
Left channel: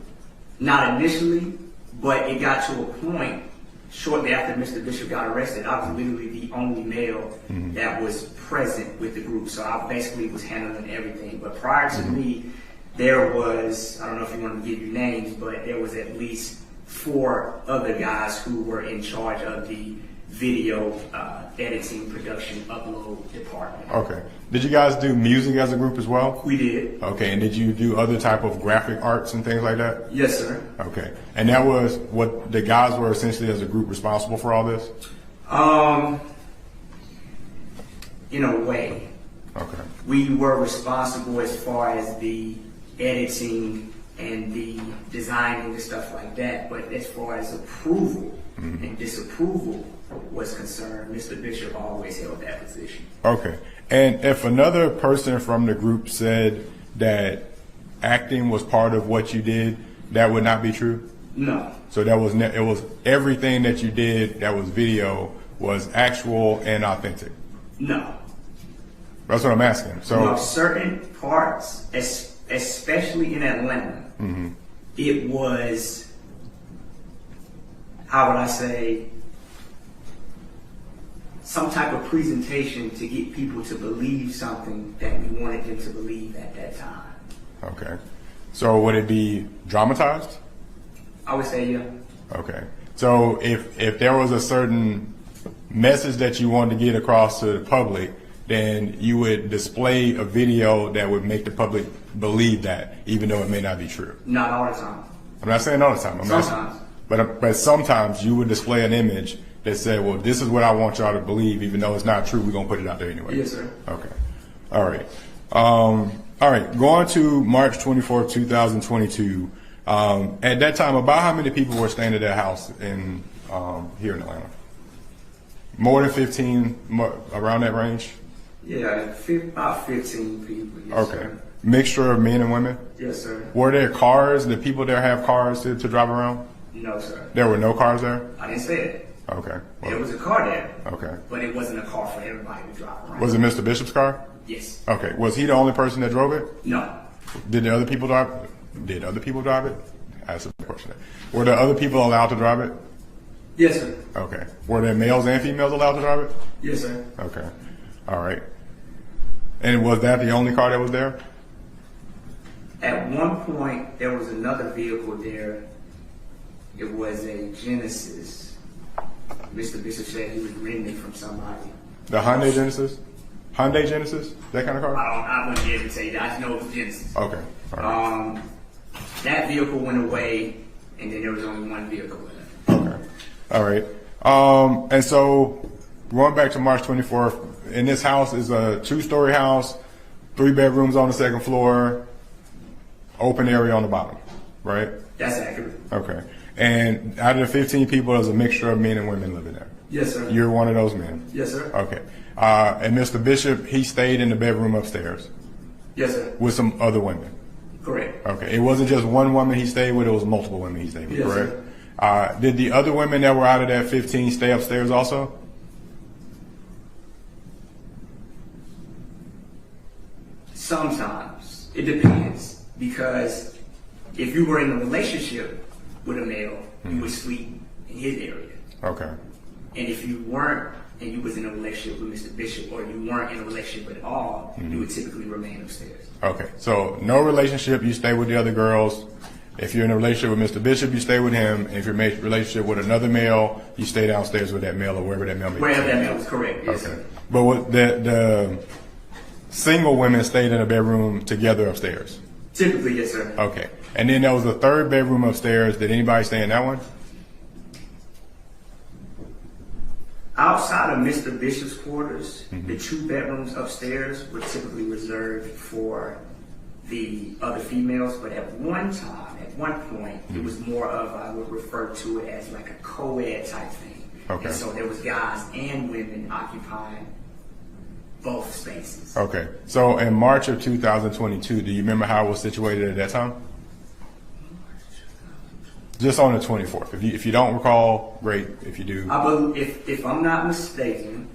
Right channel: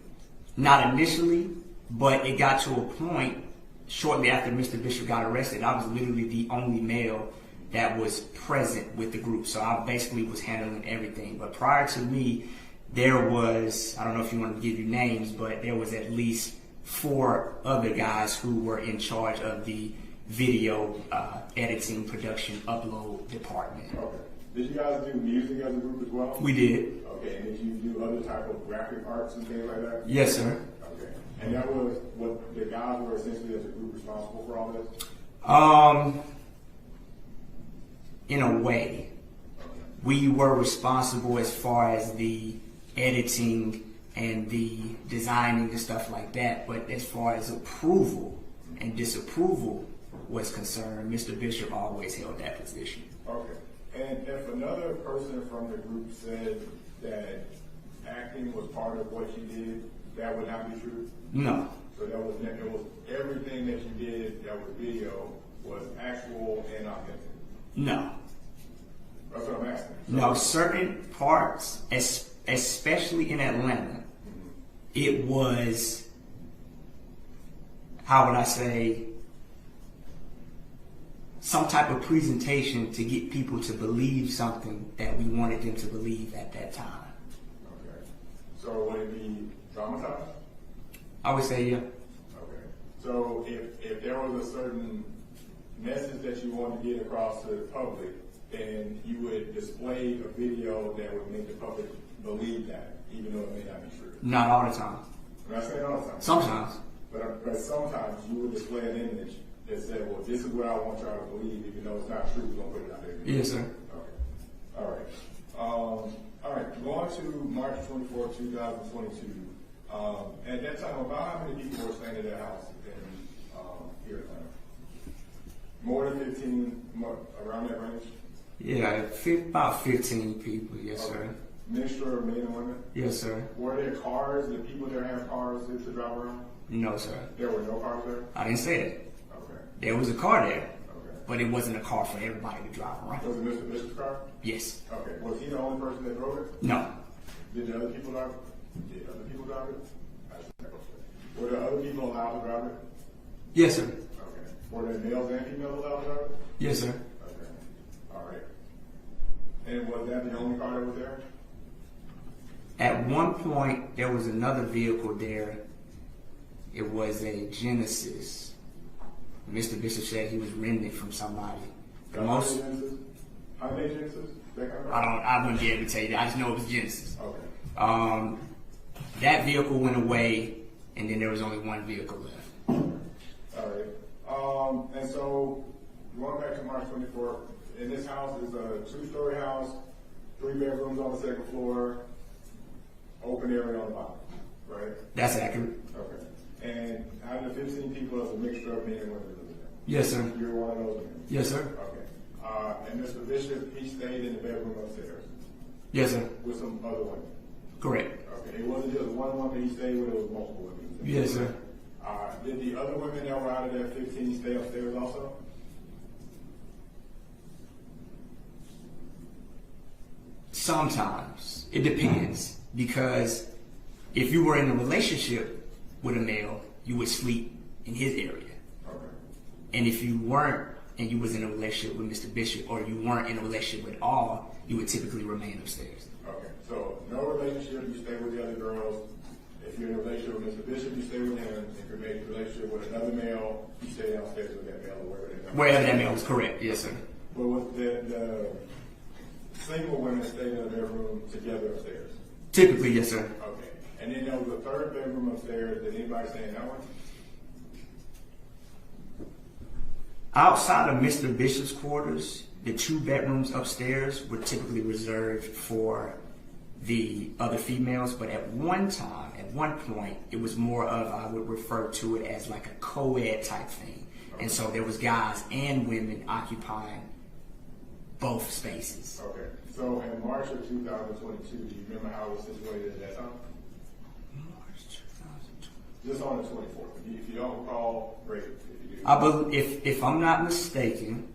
Not initially, but it got to a point shortly after Mr. Bishop got arrested. I was literally the only male that was present with the group, so I basically was handling everything. But prior to me, there was, I don't know if you want to give you names, but there was at least 4 other guys who were in charge of the video editing, production, upload department. Okay. Did you guys do music as a group as well? We did. Okay. And did you do other type of graphic arts and things like that? Yes, sir. Okay. And that was what the guys were essentially as a group responsible for all this? In a way. Okay. We were responsible as far as the editing and the designing and stuff like that, but as far as approval and disapproval was concerned, Mr. Bishop always held that position. Okay. And if another person from the group said that acting was part of what you did, that would not be true? No. So that was it was everything that you did that was video was actual and authentic. No. That's what I'm asking. So No, certain parts, especially in Atlanta, it was, how would I say, some type of presentation to get people to believe something that we wanted them to believe at that time. okay. So would it be dramatized? I would say, yeah. Okay. So if there was a certain message that you wanted to get across to the public, then you would display a video that would make the public believe that, even though it may not be true. Not all the time. I'm not saying all the time. Sometimes. But sometimes you would display an image that said, well, this is what I want y'all to believe, even though it's not true, we're going to put it out there anyway. Yes, sir. Okay. All right. All right. Going to March 24th, 2022. At that time, about how many people were staying at that house in here in Atlanta? More than 15, around that range? Yeah, about 15 people. Yes, Okay. sir. Mixture of men and women? Yes, sir. Were there cars? Did people there have cars to drive around? No, sir. There were no cars there? I didn't say it. Okay. There was a car there, Okay. but it wasn't a car for everybody to drive around. Was it Mr. Bishop's car? Yes. Okay. Was he the only person that drove it? No. Did the other people drive? Did other people drive it? That's a question. Were the other people allowed to drive it? Yes, sir. Okay. Were there males and females allowed to drive it? Yes, sir. Okay. All right. And was that the only car that was there? At one point, there was another vehicle there. It was a Genesis. Mr. Bishop said he was renting it from somebody. The Hyundai Genesis? Hyundai Genesis? That kind of car? I wouldn't be able to tell you. I just know it was Genesis. Okay. All right. That vehicle went away, and then there was only one vehicle left. Okay. All right. And so going back to March 24th, in this house is a 2-story house, 3 bedrooms on the 2nd floor, open area on the bottom, right? That's accurate. Okay. And out of the 15 people, there's a mixture of men and women living there. Yes, sir. You're one of those men. Yes, sir. Okay. And Mr. Bishop, he stayed in the bedroom upstairs Yes, sir. with some other women. Correct. Okay, it wasn't just one woman he stayed with; it was multiple women he stayed with. Yes, Correct. Did the other women that were out of that 15 stay upstairs also? Sometimes. It depends. Because if you were in a relationship with a male, you would sleep in his area. Okay. And if you weren't, and you was in a relationship with Mr. Bishop, or you weren't in a relationship at all, you would typically remain upstairs. Okay. So no relationship, you stay with the other girls. If you're in a relationship with Mr. Bishop, you stay with him. And if you're in a relationship with another male, you stay downstairs with that male or wherever that male is. Wherever that male is, correct. Yes, Okay. sir. But what the single women stayed in a bedroom together upstairs. Typically, yes, sir. Okay. And then there was a third bedroom upstairs. Did anybody stay in that one? Outside of Mr. Bishop's quarters, the 2 bedrooms upstairs were typically reserved for the other females, but at one point, it was more of, I would refer to it as like a co-ed type thing. Okay. And so there was guys and women occupying both spaces. Okay. So in March of 2022, do you remember how it was situated at that time? Just on the 24th. If you don't recall, great. If you do, If I'm not mistaken,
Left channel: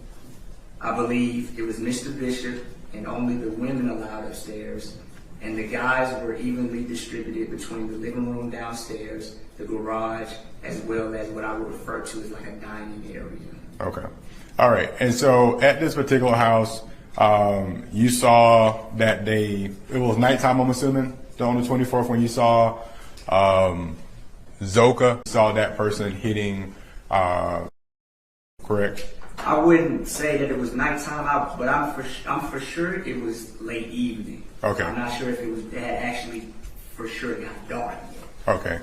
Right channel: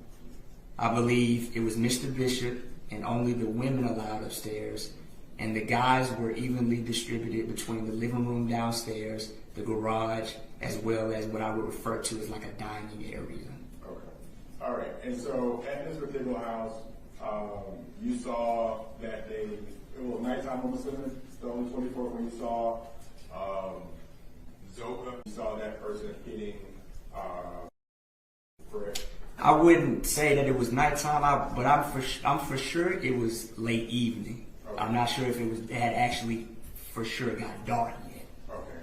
I believe it was Mr. Bishop and only the women allowed upstairs, and the guys were evenly distributed between the living room downstairs, the garage, as well as what I would refer to as like a dining area. okay. All right. And so at this particular house, you saw that day. It was nighttime, I'm assuming, on the 24th when you saw Zoka. Saw that person hitting. Correct. I wouldn't say that it was nighttime, but I'm for sure it was late evening. Okay. I'm not sure if it had actually for sure got dark yet. Okay.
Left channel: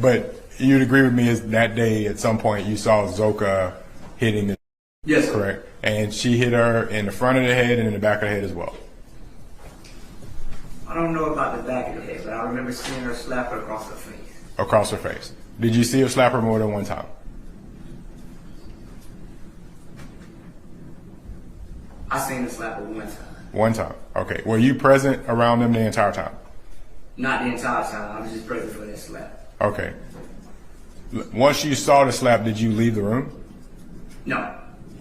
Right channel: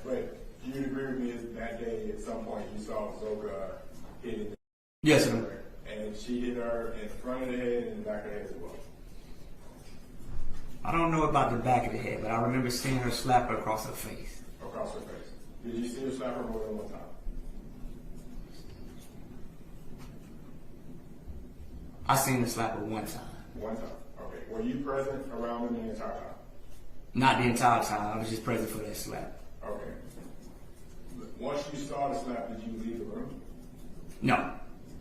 But you'd agree with me is that day at some point you saw Zoka hitting the. Yes, sir. Correct. And she hit her in the front of the head and in the back of the head as well. I don't know about the back of the head, but I remember seeing her slap her across her face. Across her face. Did you see her slap her more than one time? I seen her slap her one time. One time. Okay. Were you present around them the entire time? Not the entire time. I was just present for that slap. Okay. Once you saw the slap, did you leave the room? No,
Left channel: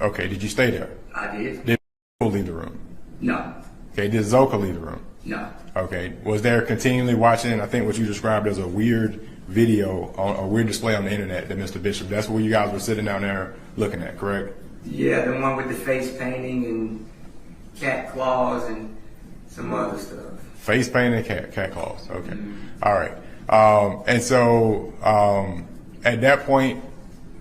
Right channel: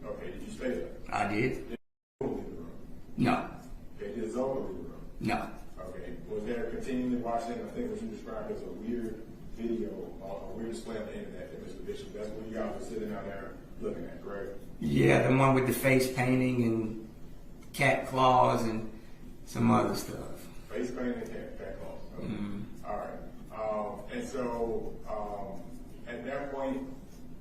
Okay. Did you stay there? I did. Did Zoka leave the room? No, Okay. Did Zoka leave the room? no. Okay. Was there continually watching, I think what you described as a weird video, a weird display on the internet that Mr. Bishop, that's where you guys were sitting down there looking at, correct? Yeah, the one with the face painting and cat claws and some other stuff. Face paint and cat claws. Okay. All right. And so at that point,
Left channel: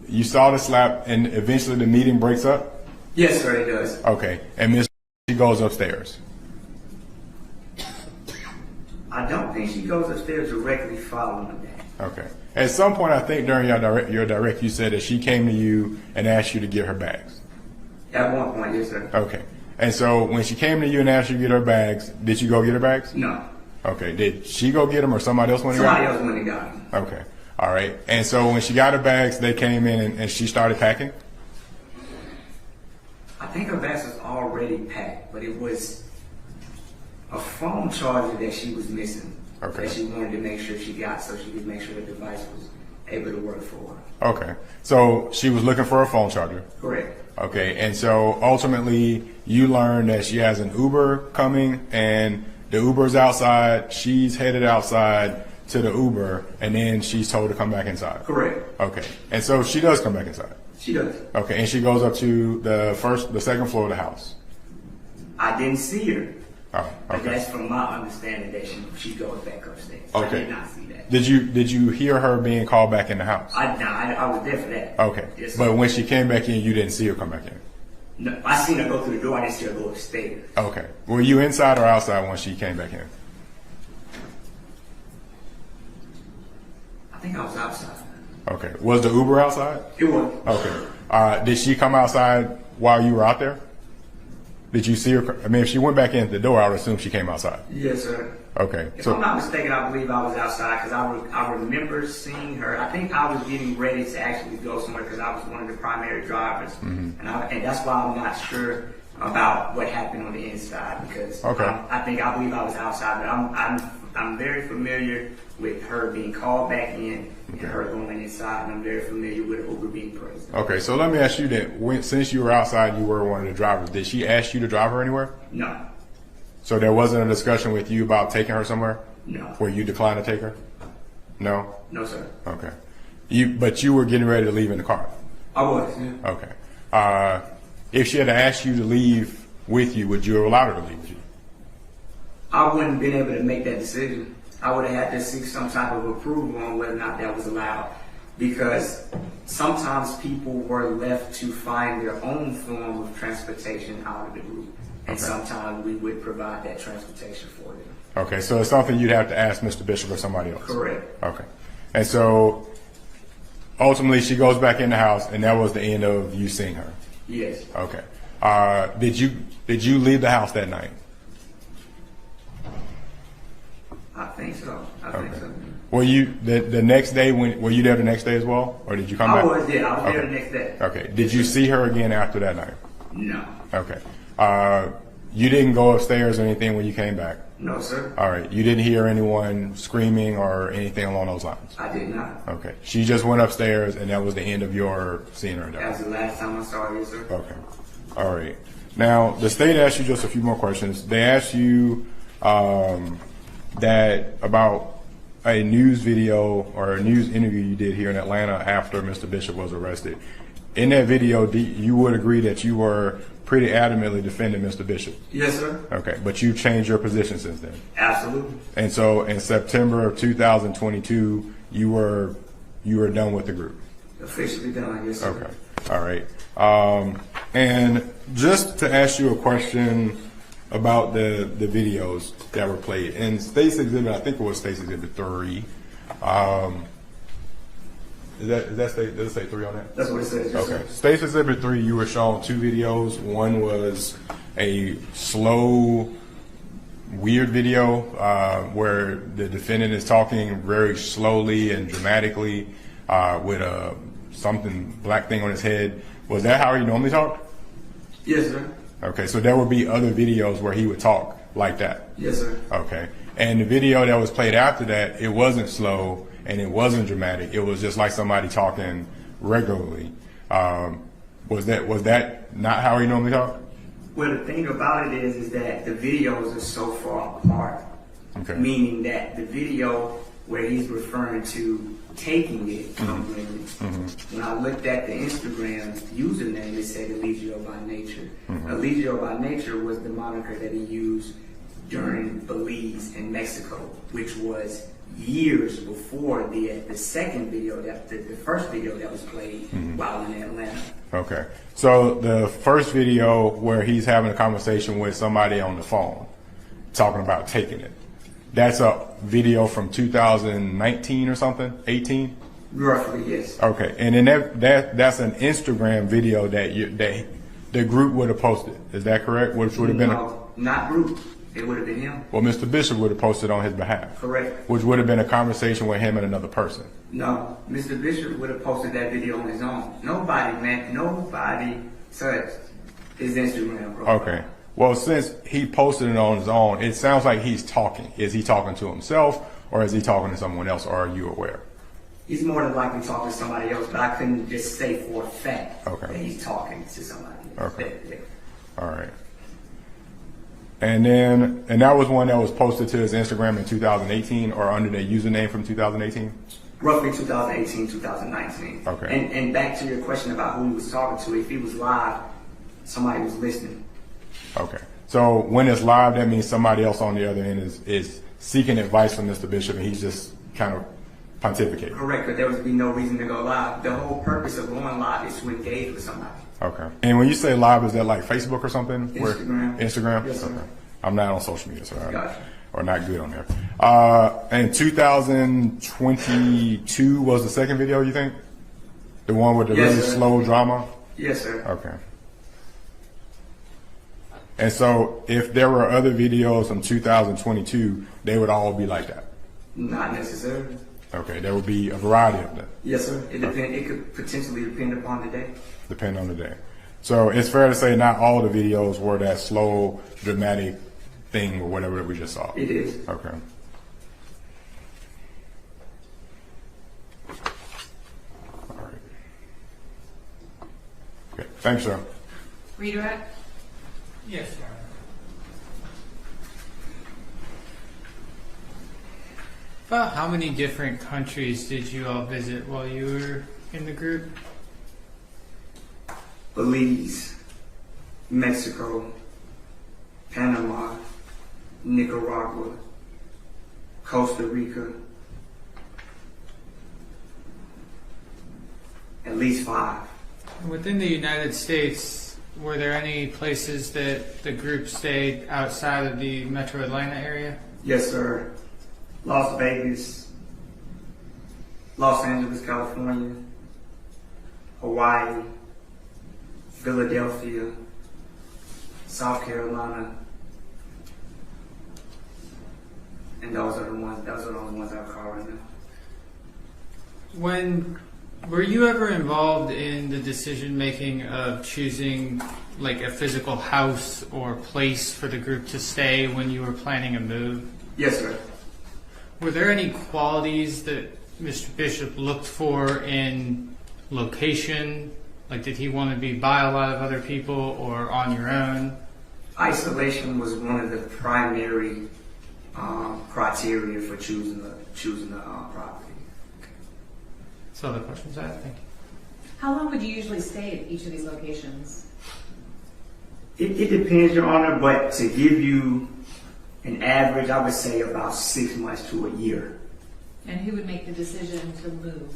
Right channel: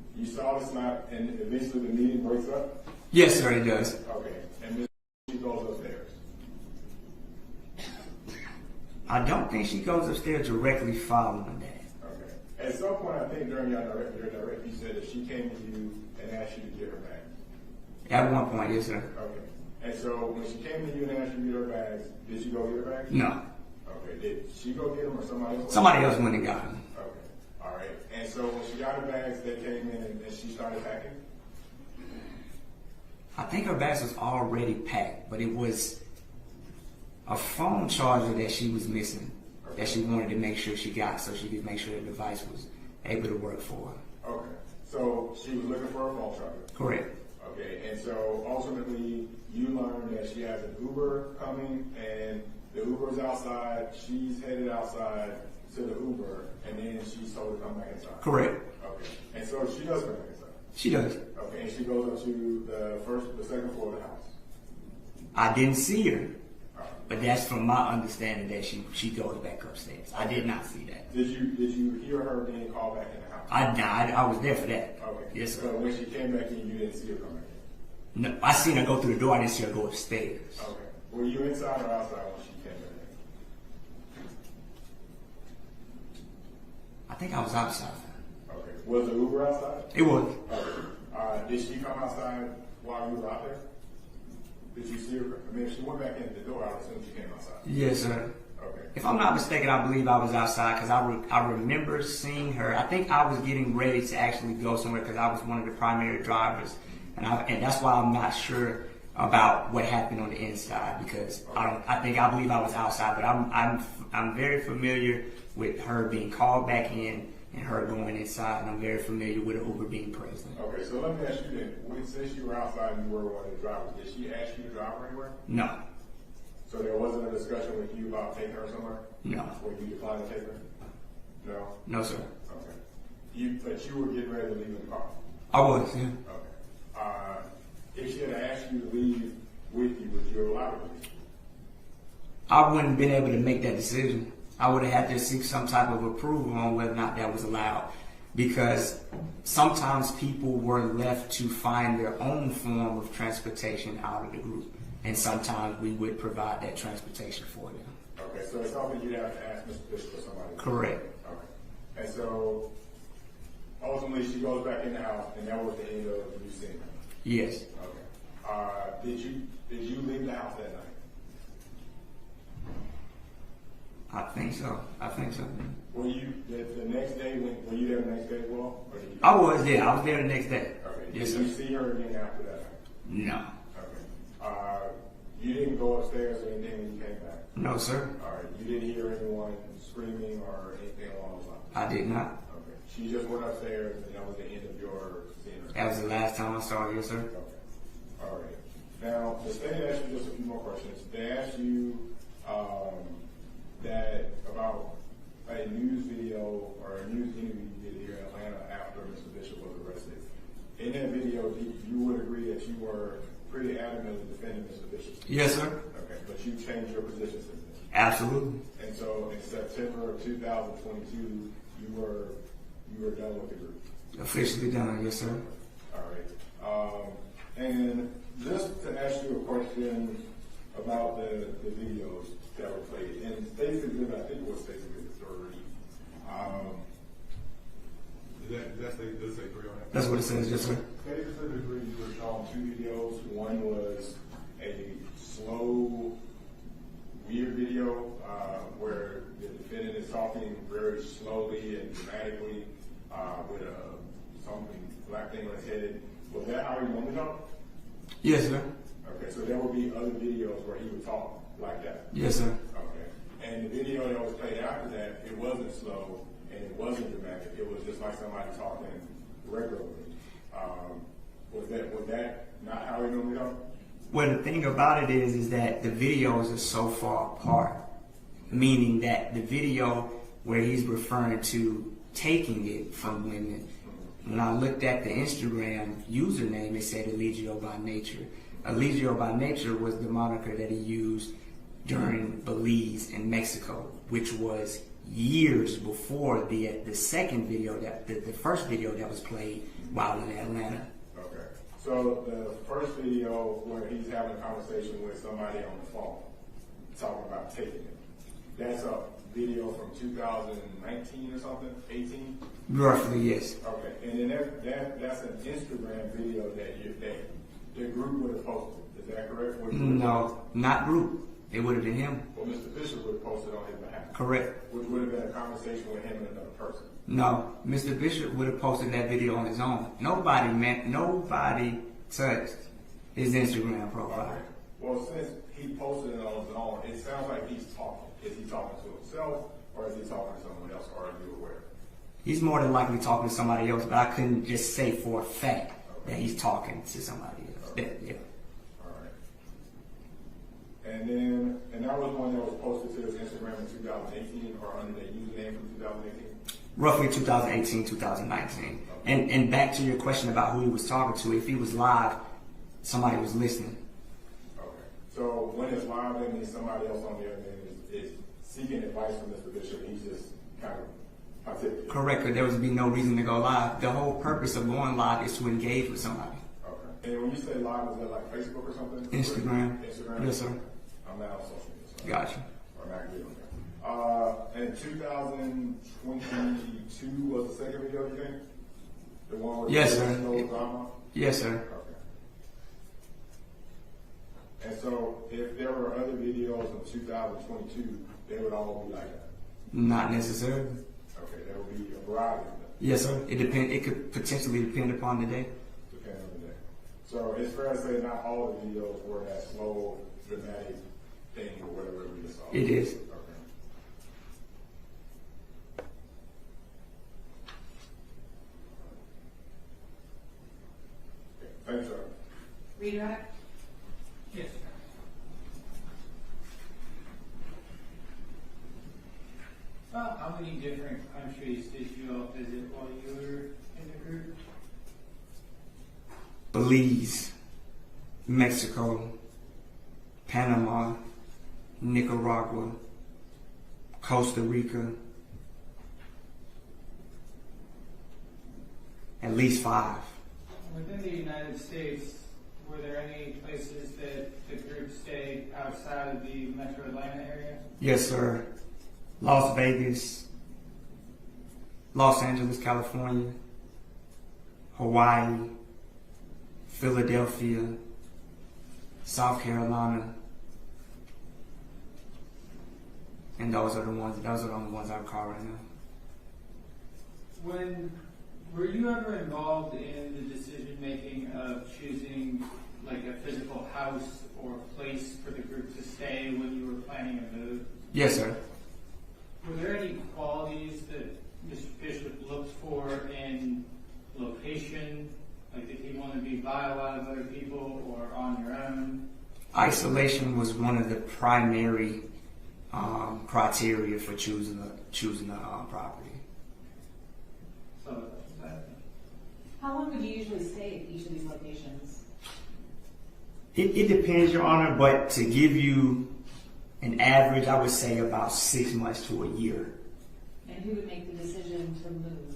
you saw the slap and eventually the meeting breaks up? Yes, sir, it does. Okay. And Miss she goes upstairs. I don't think she goes upstairs directly following that. Okay. At some point, I think during your direct, you said that she came to you and asked you to get her bags. At one point, yes, sir. Okay. And so when she came to you and asked you to get her bags, did you go get her bags? No. Okay. Did she go get them or somebody else went? Somebody else went and got them. Okay. All right. And so when she got her bags, they came in and she started packing? I think her bags was already packed, but it was a phone charger that she was missing. Okay. That she wanted to make sure she got so she could make sure the device was able to work for her. Okay. So she was looking for a phone charger. Correct. Okay. And so ultimately you learned that she has an Uber coming and the Uber's outside. She's headed outside to the Uber and then she's told to come back inside. Correct. Okay. And so she does come back inside. She does. Okay. And she goes up to the second floor of the house. I didn't see her. Oh, But okay. that's from my understanding that she goes back upstairs. I Okay. did not see that. Did you hear her being called back in the house? I was there for that. Okay. Yes, sir. But when she came back in, you didn't see her come back in. No, I seen her go through the door. I didn't see her go upstairs. Okay. Were you inside or outside when she came back in? I think I was outside. Okay. Was the Uber outside? It was. Okay. Did she come outside while you were out there? Did you see her? I mean, if she went back in the door, I would assume she came outside. Yes, sir. Okay. If I'm not mistaken, I believe I was outside because I remember seeing her. I think I was getting ready to actually go somewhere because I was one of the primary drivers, and that's why I'm not sure about what happened on the inside because Okay. I believe I was outside, but I'm very familiar with her being called back in and her going inside, and I'm very familiar with Uber being present. Okay, so let me ask you then, since you were outside, you were one of the drivers, did she ask you to drive her anywhere? No, So there wasn't a discussion with you about taking her somewhere no, where you declined to take her? No? no, sir. Okay. But you were getting ready to leave in the car? I was. Yeah. Okay. If she had asked you to leave with you, would you have allowed her to leave with you? I wouldn't have been able to make that decision. I would have had to seek some type of approval on whether or not that was allowed. Because sometimes people were left to find their own form of transportation out of the group. And sometimes we would provide that transportation for them. Okay, so it's something you'd have to ask Mr. Bishop or somebody else? Correct. Okay. And so ultimately she goes back in the house and that was the end of you seeing her? Yes. Okay. Did you leave the house that night? I think so. I think so. Were you the next day were you there the next day as well? Or did you come I back? was, yeah. I was there Okay. the next day. Okay. Did you see her again after that night? No. Okay. You didn't go upstairs or anything when you came back? No, sir. All right. You didn't hear anyone screaming or anything along those lines? I did not. Okay. She just went upstairs and that was the end of your seeing her. That was the last time I saw her, yes, sir. Okay. All right. Now, the state asked you just a few more questions. They asked you that about a news video or a news interview you did here in Atlanta after Mr. Bishop was arrested. In that video, you would agree that you were pretty adamantly defending Mr. Bishop. Yes, sir. Okay, but you changed your position since then. Absolutely. And so in September of 2022, you were done with the group. Officially done, yes, sir. Okay, all right. And just to ask you a question about the videos that were played in State's Exhibit, I think it was State's Exhibit 3. Does it say 3 on that? That's what it says, yes, Okay. sir. State's Exhibit 3, you were shown 2 videos. One was a slow, weird video where the defendant is talking very slowly and dramatically with a something black thing on his head. Was that how he normally talked? Yes, sir. Okay, so there would be other videos where he would talk like that. Yes, sir. Okay, and the video that was played after that, it wasn't slow and it wasn't dramatic. It was just like somebody talking regularly. Was that not how he normally talked? Well, the thing about it is that the videos are so far apart. Okay. Meaning that the video where he's referring to taking it from women, when I looked at the Instagram username, it said Eligio by Nature. Eligio by Nature was the moniker that he used during Belize and Mexico, which was years before the second video, the first video that was played while in Atlanta. Okay, so the first video where he's having a conversation with somebody on the phone, talking about taking it, that's a video from 2019 or something, 18? Roughly, yes. Okay, and then that's an Instagram video that the group would have posted. Is that correct? Which would have been No, not group. It would have been him. well, Mr. Bishop would have posted on his behalf. Correct. Which would have been a conversation with him and another person. No, Mr. Bishop would have posted that video on his own. Nobody touched his Instagram profile. Okay. Well, since he posted it on his own, it sounds like he's talking. Is he talking to himself or is he talking to someone else, or are you aware? He's more than likely talking to somebody else, but I couldn't just say for a fact that he's talking to somebody else. Okay. Yeah. All right. And that was one that was posted to his Instagram in 2018 or under the username from 2018? Roughly 2018, 2019. Okay. And back to your question about who he was talking to, if he was live, somebody was listening. Okay. So when it's live, that means somebody else on the other end is seeking advice from Mr. Bishop and he's just kind of pontificating. Correct, but there would be no reason to go live. The whole purpose of going live is to engage with somebody. Okay. And when you say live, is that like Facebook or something? Instagram. Instagram? Yes, sir. Okay. I'm not on social media, so Gotcha. or not good on there. And 2022 was the second video, you think? The one with the Yes, really sir. slow drama? Yes, sir. Okay. And so if there were other videos from 2022, they would all be like that? Not necessarily. Okay, there would be a variety of them. Yes, sir. It could potentially depend upon the day. Depending on the day. So it's fair to say not all the videos were that slow, dramatic thing or whatever that we just saw. It is. Okay. All right. Okay. Thanks, sir. Redirect? Yes, sir. About how many different countries did you all visit while you were in the group? Belize, Mexico, Panama, Nicaragua, Costa Rica, at least 5. Within the United States, were there any places that the group stayed outside of the Metro Atlanta area? Yes, sir. Las Vegas, Los Angeles, California, Hawaii, Philadelphia, South Carolina, and those are the only ones I recall right now. Were you ever involved in the decision making of choosing like a physical house or place for the group to stay when you were planning a move? Yes, sir. Were there any qualities that Mr. Bishop looked for in location? Like, did he want to be by a lot of other people or on your own? Isolation was one of the primary criteria for choosing the property. So the questions I have, thank you. How long would you usually stay at each of these locations? It depends, Your Honor, but to give you an average, I would say about 6 months to a year. And who would make the decision to move?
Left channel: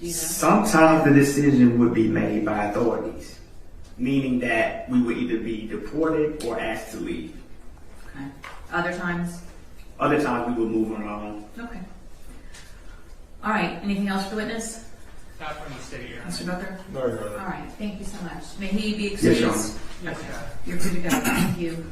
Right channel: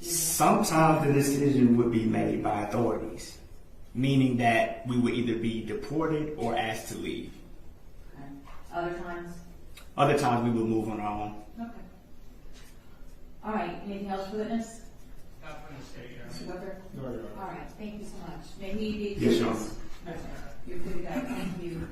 Do you know? Sometimes the decision would be made by authorities, meaning that we would either be deported or asked to leave. Okay. Other times? Other times we would move on our own. Okay. All right. Anything else for the witness? Not from the state, Your Honor. Mr. Booker? No, you're right. All right. Thank you so much. May he be Yes, excused? Your Honor. Yes, Okay. Your Honor. You're free to go. Thank you.